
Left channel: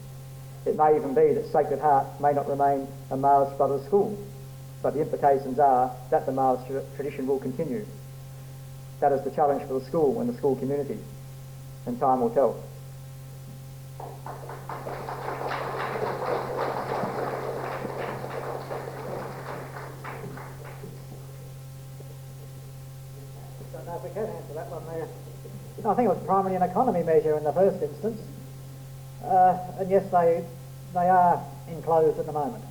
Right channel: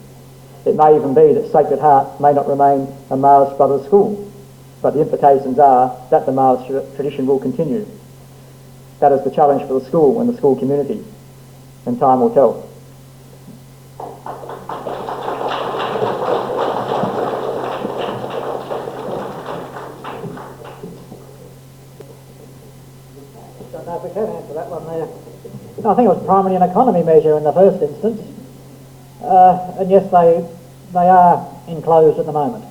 It may even be that Sacred Heart may not remain a Marist Brothers school, but the implications are that the Marist tradition will continue. That is the challenge for the school and the school community, and time will tell. Don't know if we can answer that one there. No, I think it was primarily an economy measure in the first instance, and yes, they are enclosed at the moment.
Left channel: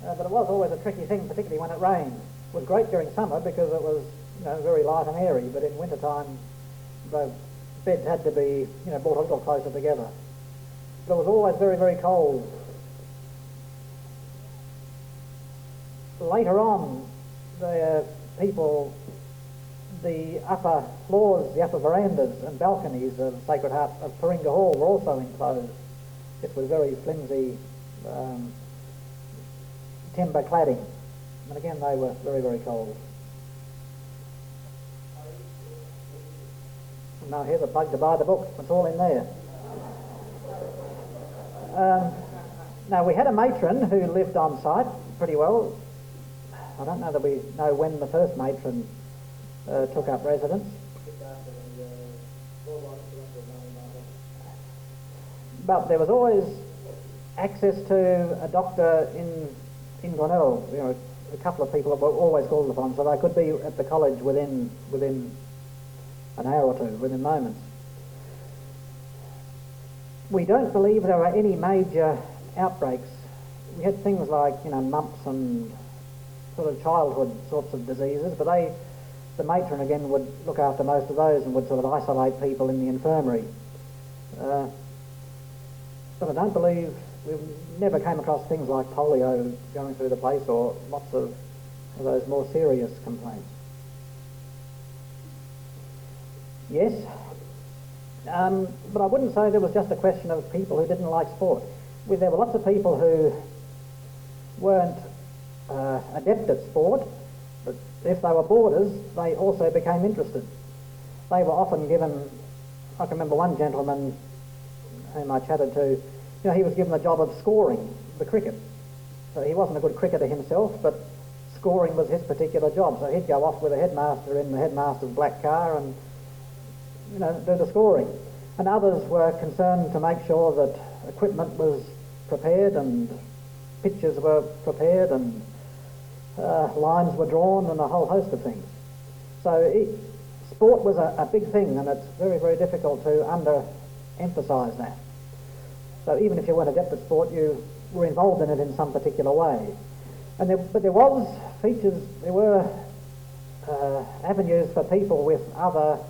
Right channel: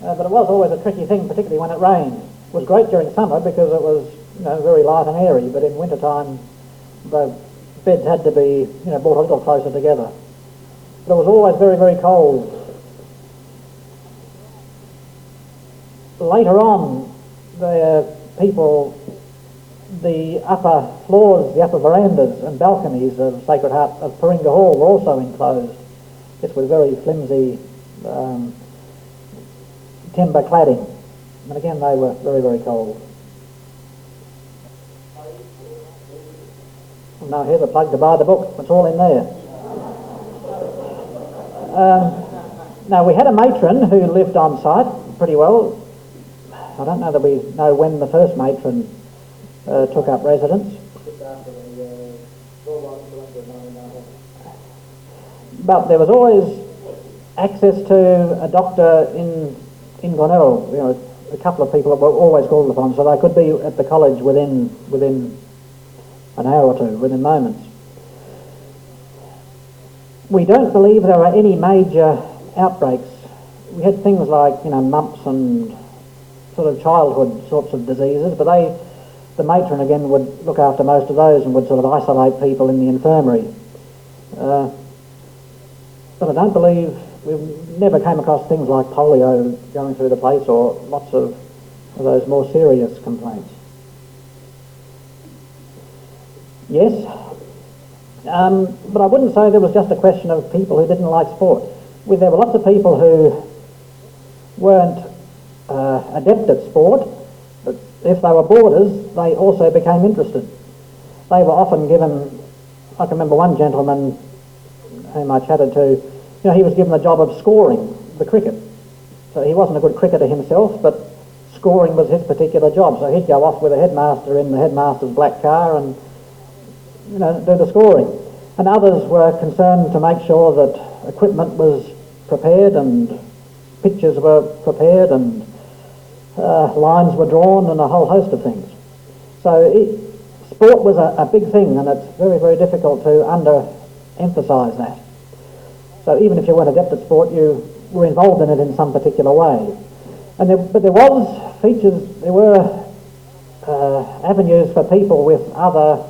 But it was always a tricky thing, particularly when it rained. It was great during summer because it was, very light and airy, but in winter time the beds had to be, brought a little closer together. But it was always very, very cold. Later on, the upper floors, the upper verandas and balconies of Sacred Heart of Paringa Hall were also enclosed. This was very flimsy timber cladding, and again they were very, very cold. And now here's a plug to buy the book, it's all in there. Now we had a matron who lived on site pretty well. I don't know that we know when the first matron took up residence. But there was always access to a doctor in Glenelg. You know, a couple of people were always called upon, so they could be at the college within an hour or two, within moments. We don't believe there were any major outbreaks. We had things like, you know, mumps and sort of childhood sorts of diseases, but the matron again would look after most of those and would sort of isolate people in the infirmary. But I don't believe, we've never came across things like polio going through the place or lots of those more serious complaints. Yes, but I wouldn't say there was just a question of people who didn't like sport. There were lots of people who weren't adept at sport, but if they were boarders, they also became interested. They were often given, I can remember one gentleman whom I chatted to, you know, he was given the job of scoring the cricket. So he wasn't a good cricketer himself, but scoring was his particular job. So he'd go off with a headmaster in the headmaster's black car and, you know, do the scoring. And others were concerned to make sure that equipment was prepared and pitches were prepared and lines were drawn and a whole host of things. So sport was a big thing, and it's very, very difficult to under-emphasise that. So even if you weren't adept at sport, you were involved in it in some particular way. But there was features, there were avenues for people with other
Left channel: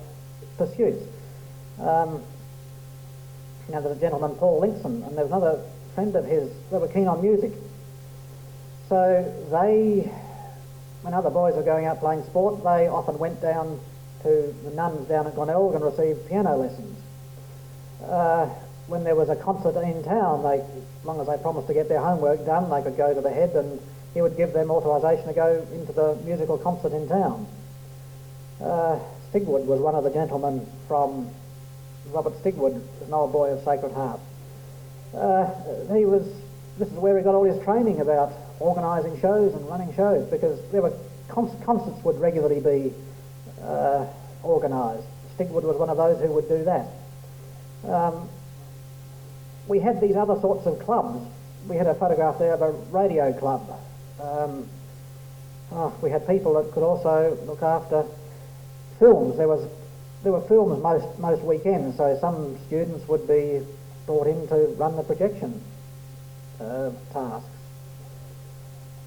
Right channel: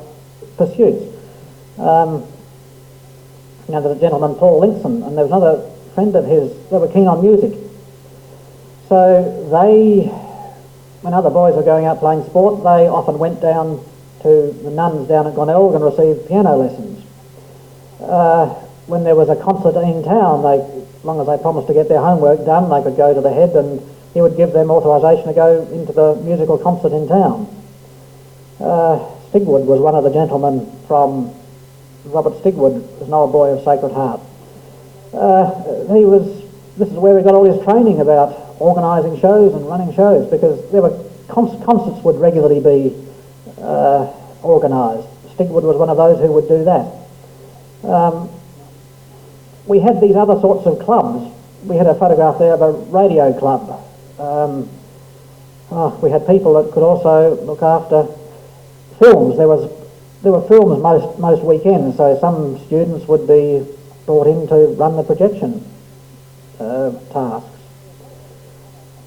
pursuits. You know, there's a gentleman, Paul Linkson, and there was another friend of his, they were keen on music. So when other boys were going out playing sport, they often went down to the nuns down at Glenelg and received piano lessons. When there was a concert in town, as long as they promised to get their homework done, they could go to the head and he would give them authorisation to go into the musical concert in town. Stigwood was one of the gentlemen from, Robert Stigwood was an old boy of Sacred Heart. This is where he got all his training about organising shows and running shows, because there were concerts would regularly be organised. Stigwood was one of those who would do that. We had these other sorts of clubs. We had a photograph there of a radio club. We had people that could also look after films. There were films most weekends, so some students would be brought in to run the projection tasks.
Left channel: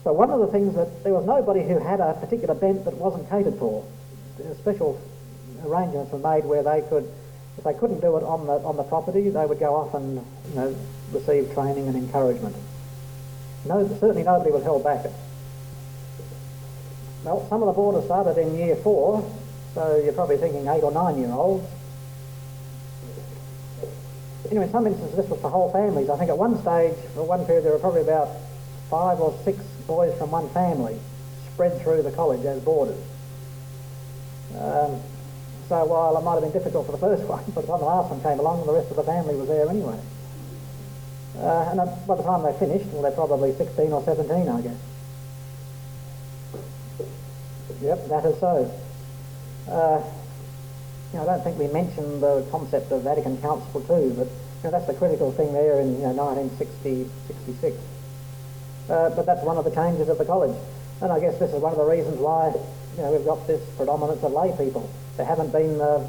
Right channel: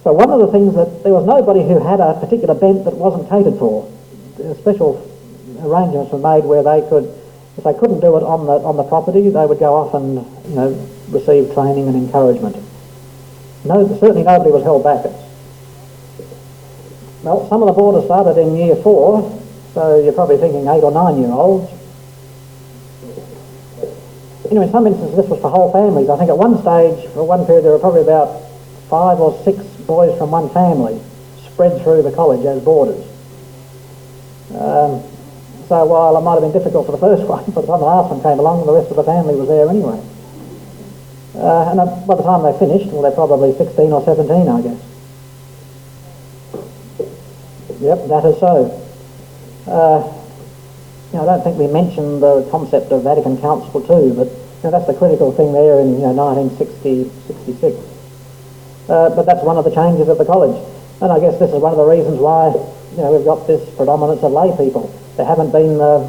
So one of the things that there was nobody who had a particular bent that wasn't catered for. Special arrangements were made where they could, if they couldn't do it on the property, they would go off and, you know, receive training and encouragement. No, certainly nobody was held back. Well, some of the boarders started in year 4, so you're probably thinking 8 or 9 year olds. Anyway, in some instances this was for whole families. I think at one stage, for one period, there were probably about 5 or 6 boys from one family spread through the college as boarders. So while it might have been difficult for the first one, by the time the last one came along, the rest of the family was there anyway. And by the time they finished, well, they're probably 16 or 17, I guess. Yep, that is so. You know, I don't think we mentioned the concept of Vatican Council II, but, you know, that's the critical thing there in, you know, 1966. But that's one of the changes at the college. And I guess this is one of the reasons why, you know, we've got this predominance of lay people. There haven't been the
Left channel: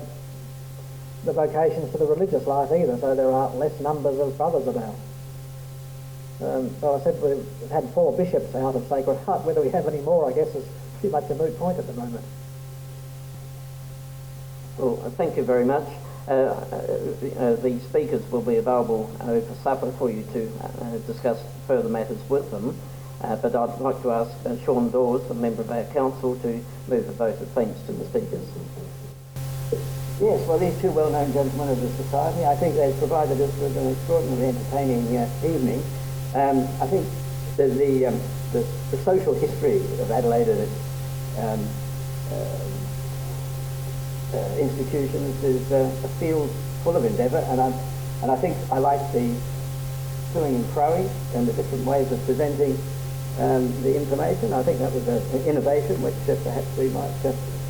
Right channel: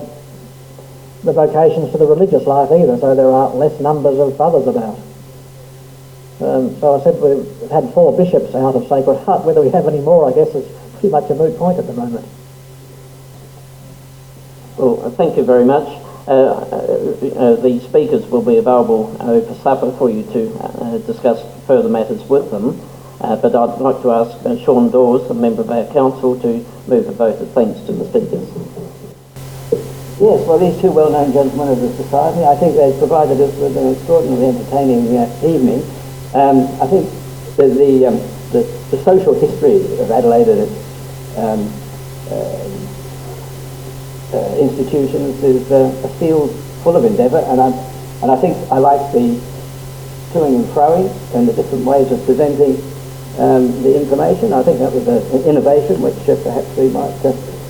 vocations to the religious life either, so there are less numbers of brothers about. So I said we've had 4 bishops out of Sacred Heart. Whether we have any more, I guess, is pretty much a moot point at the moment. Well, thank you very much. The speakers will be available over supper for you to discuss further matters with them. But I'd like to ask Sean Dawes, a member of our council, to move a vote of thanks to the speakers. Yes, well, these 2 well-known gentlemen of the society, I think they've provided us with an extraordinarily entertaining evening. I think the social history of Adelaide and its institutions is a field full of endeavour, and I think I like the toing and froing and the different ways of presenting the information. I think that was an innovation which perhaps we might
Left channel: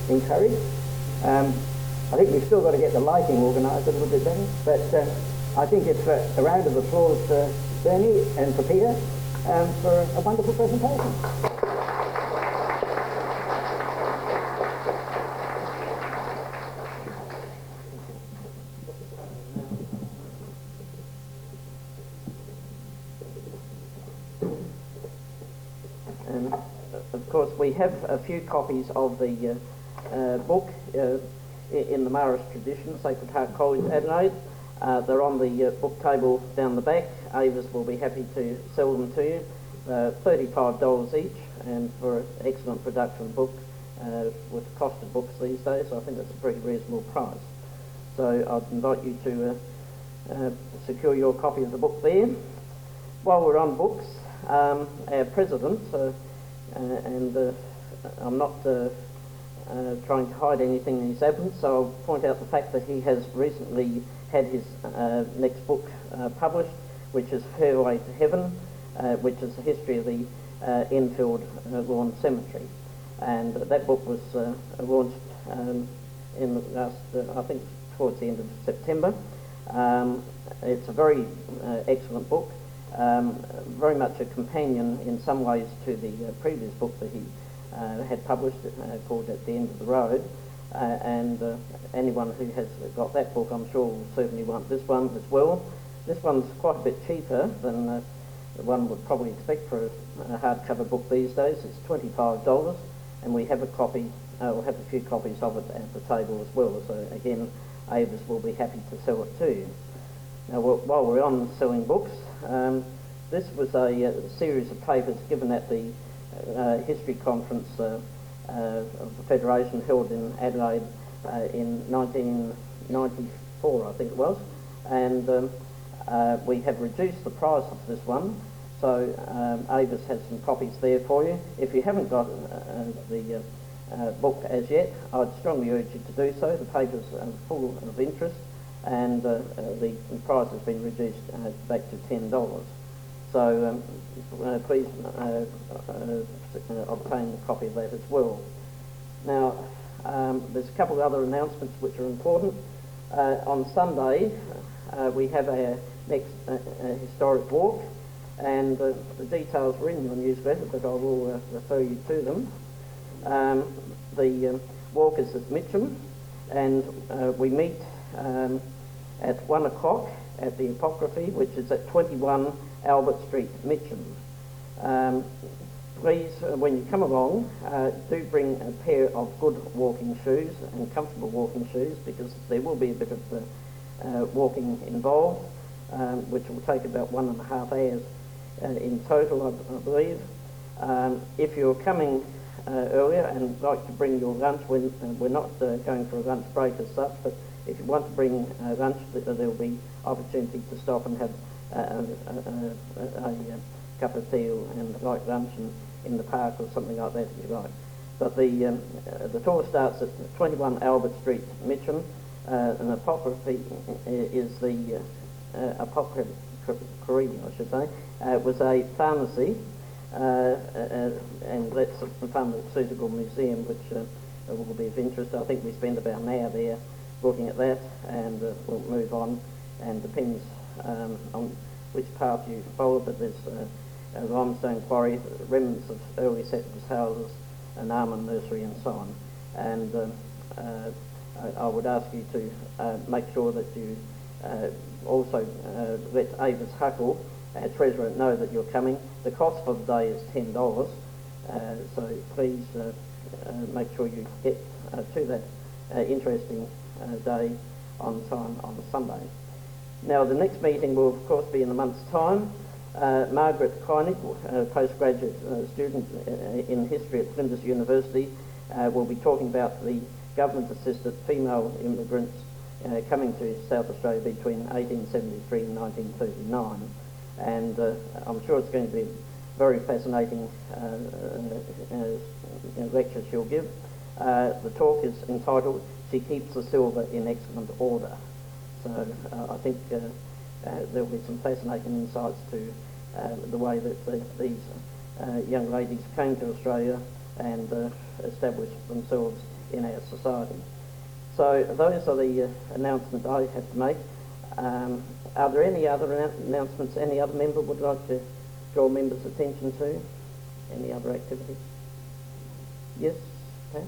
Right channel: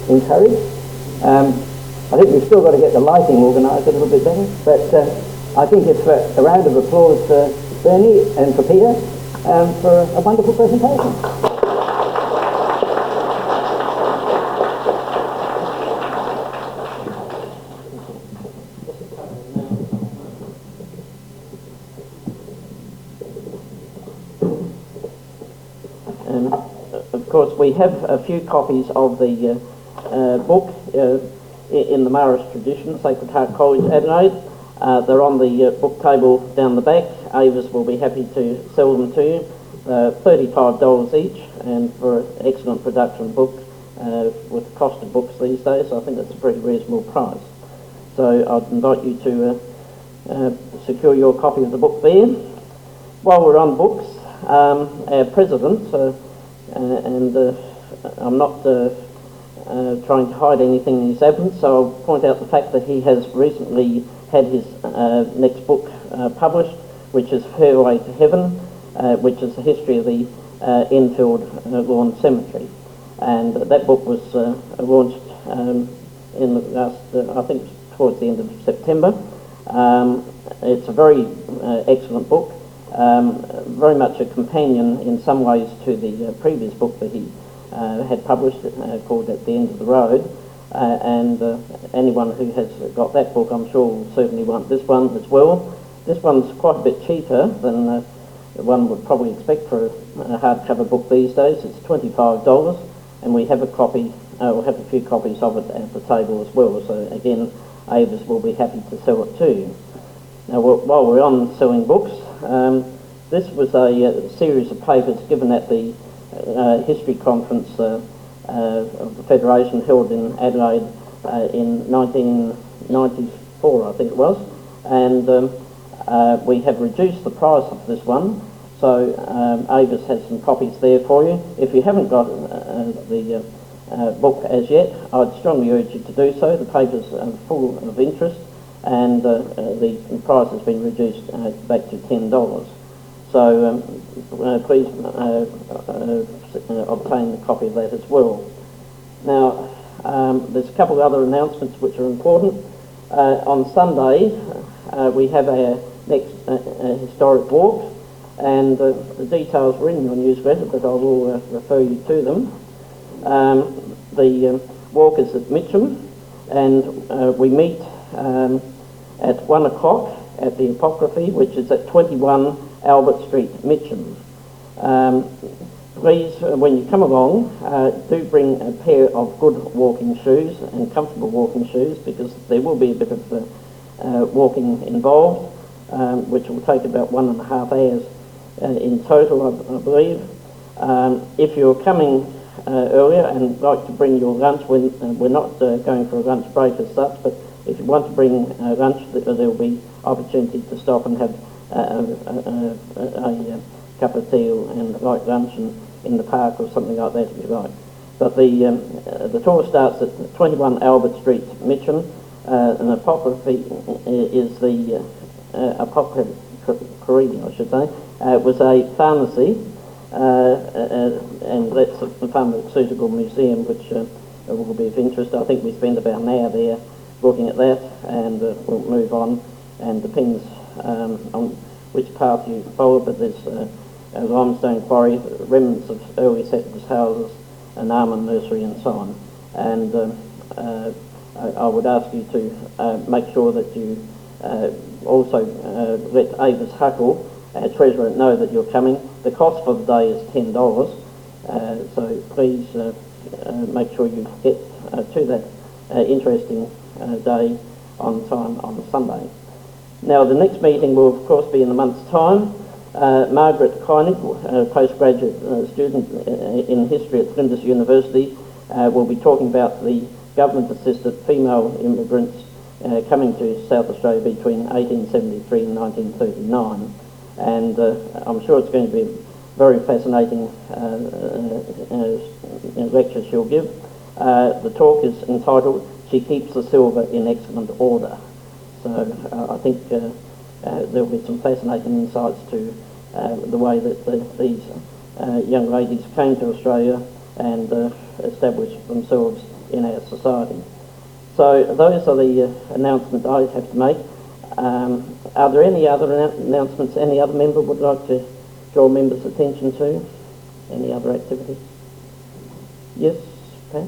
encouraged. I think we've still got to get the lighting organised a little bit better, but I think it's a round of applause for Bernie and for Peter for a wonderful presentation. Of course, we have a few copies of the book in the Marist tradition, Sacred Heart College, Adelaide. They're on the book table down the back. Avis will be happy to sell them to you. $35 each, and for an excellent production book with the cost of books these days, I think that's a pretty reasonable price. So I'd invite you to secure your copy of the book there. While we're on books, our president, and I'm not trying to hide anything in his absence, so I'll point out the fact that he has recently had his next book published, which is Fairway to Heaven, which is the history of the Enfield Lawn Cemetery. And that book was launched in the last, I think towards the end of September. It's a very excellent book, very much a companion in some ways to the previous book that he had published called At the End of the Road. And anyone who has got that book, I'm sure, will certainly want this one as well. This one's quite a bit cheaper than one would probably expect for a hardcover book these days. It's $25, and we have a copy, we'll have a few copies of it at the table as well. So again, Avis will be happy to sell it to you. Now, while we're on selling books, this was a series of papers given at the history conference of the Federation held in Adelaide in 1994, I think it was, and we have reduced the price of this one, so Avis has some copies there for you. If you haven't got the book as yet, I'd strongly urge you to do so. The paper's full of interest, and the price has been reduced back to $10. So please obtain a copy of that as well. Now, there's a couple of other announcements which are important. On Sunday, we have our next historic walk, and the details were in your newsletter, but I will refer you to them. The walk is at Mitcham, and we meet at 1 o'clock at the Apocryphy, which is at 21 Albert Street, Mitcham. Please, when you come along, do bring a pair of good walking shoes and comfortable walking shoes, because there will be a bit of walking involved, which will take about 1.5 hours in total, I believe. If you're coming earlier and like to bring your lunch, we're not going for a lunch break as such, but if you want to bring lunch, there will be opportunity to stop and have a cup of tea and light lunch in the park or something like that if you like. But the tour starts at 21 Albert Street, Mitcham. An Apocryphy is the Apocryphy, I should say. It was a pharmacy, and that's the Pharmaceutical Museum, which will be of interest. I think we spend about an hour there looking at that, and we'll move on, and depends on which path you follow, but there's a limestone quarry, remnants of early settlers' houses, an almond nursery and so on. And I would ask you to make sure that you also let Avis Huckle, our treasurer, know that you're coming. The cost for the day is $10, so please make sure you get to that interesting day on time on Sunday. Now, the next meeting will of course be in a month's time. Margaret Kleinig, a postgraduate student in history at Flinders University, will be talking about the government-assisted female immigrants coming to South Australia between 1873 and 1939. And I'm sure it's going to be a very fascinating lecture she'll give. The talk is entitled "She Keeps the Silver in Excellent Order." So I think there'll be some fascinating insights to the way that these young ladies came to Australia and established themselves in our society. So those are the announcements I have to make. Are there any other announcements any other member would like to draw members' attention to? Any other activities? Yes, Pat?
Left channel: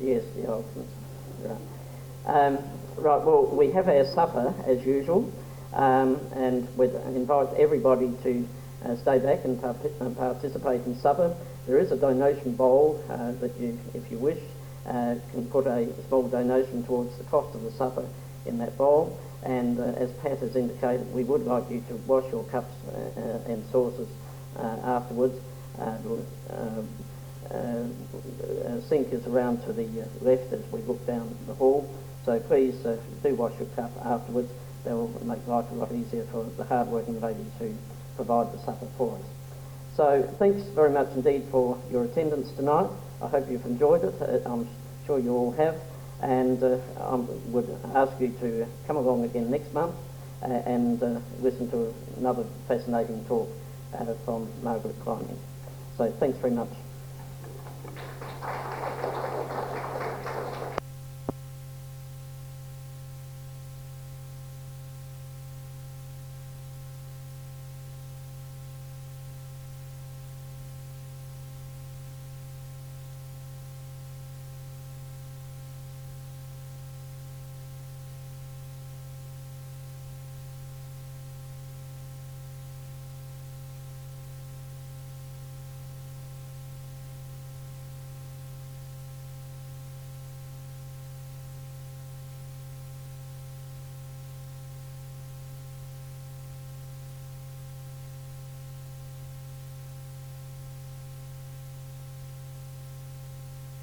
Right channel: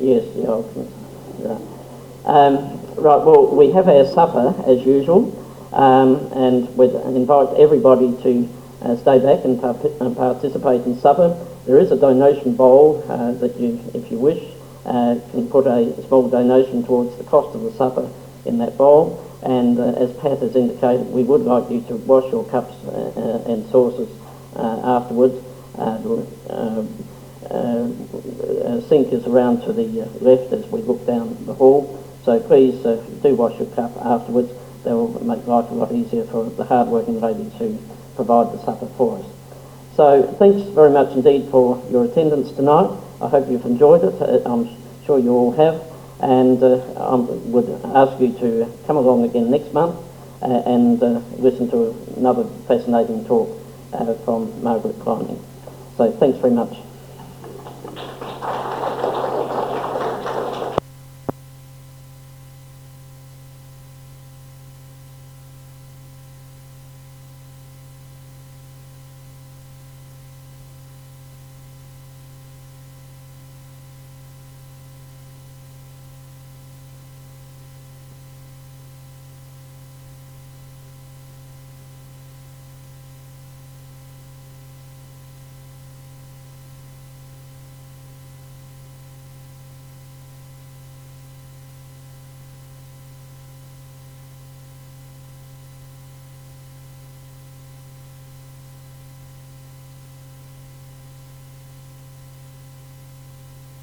Yes, the ultimate. Right. Right, well, we have our supper as usual, and we'd invite everybody to stay back and participate in supper. There is a donation bowl that you, if you wish, can put a small donation towards the cost of the supper in that bowl. And as Pat has indicated, we would like you to wash your cups and saucers afterwards. Sink is around to the left as we look down the hall. So please do wash your cup afterwards. That will make life a lot easier for the hard-working ladies who provide the supper for us. So thanks very much indeed for your attendance tonight. I hope you've enjoyed it. I'm sure you all have. And I would ask you to come along again next month and listen to another fascinating talk from Margaret Climbing. So thanks very much.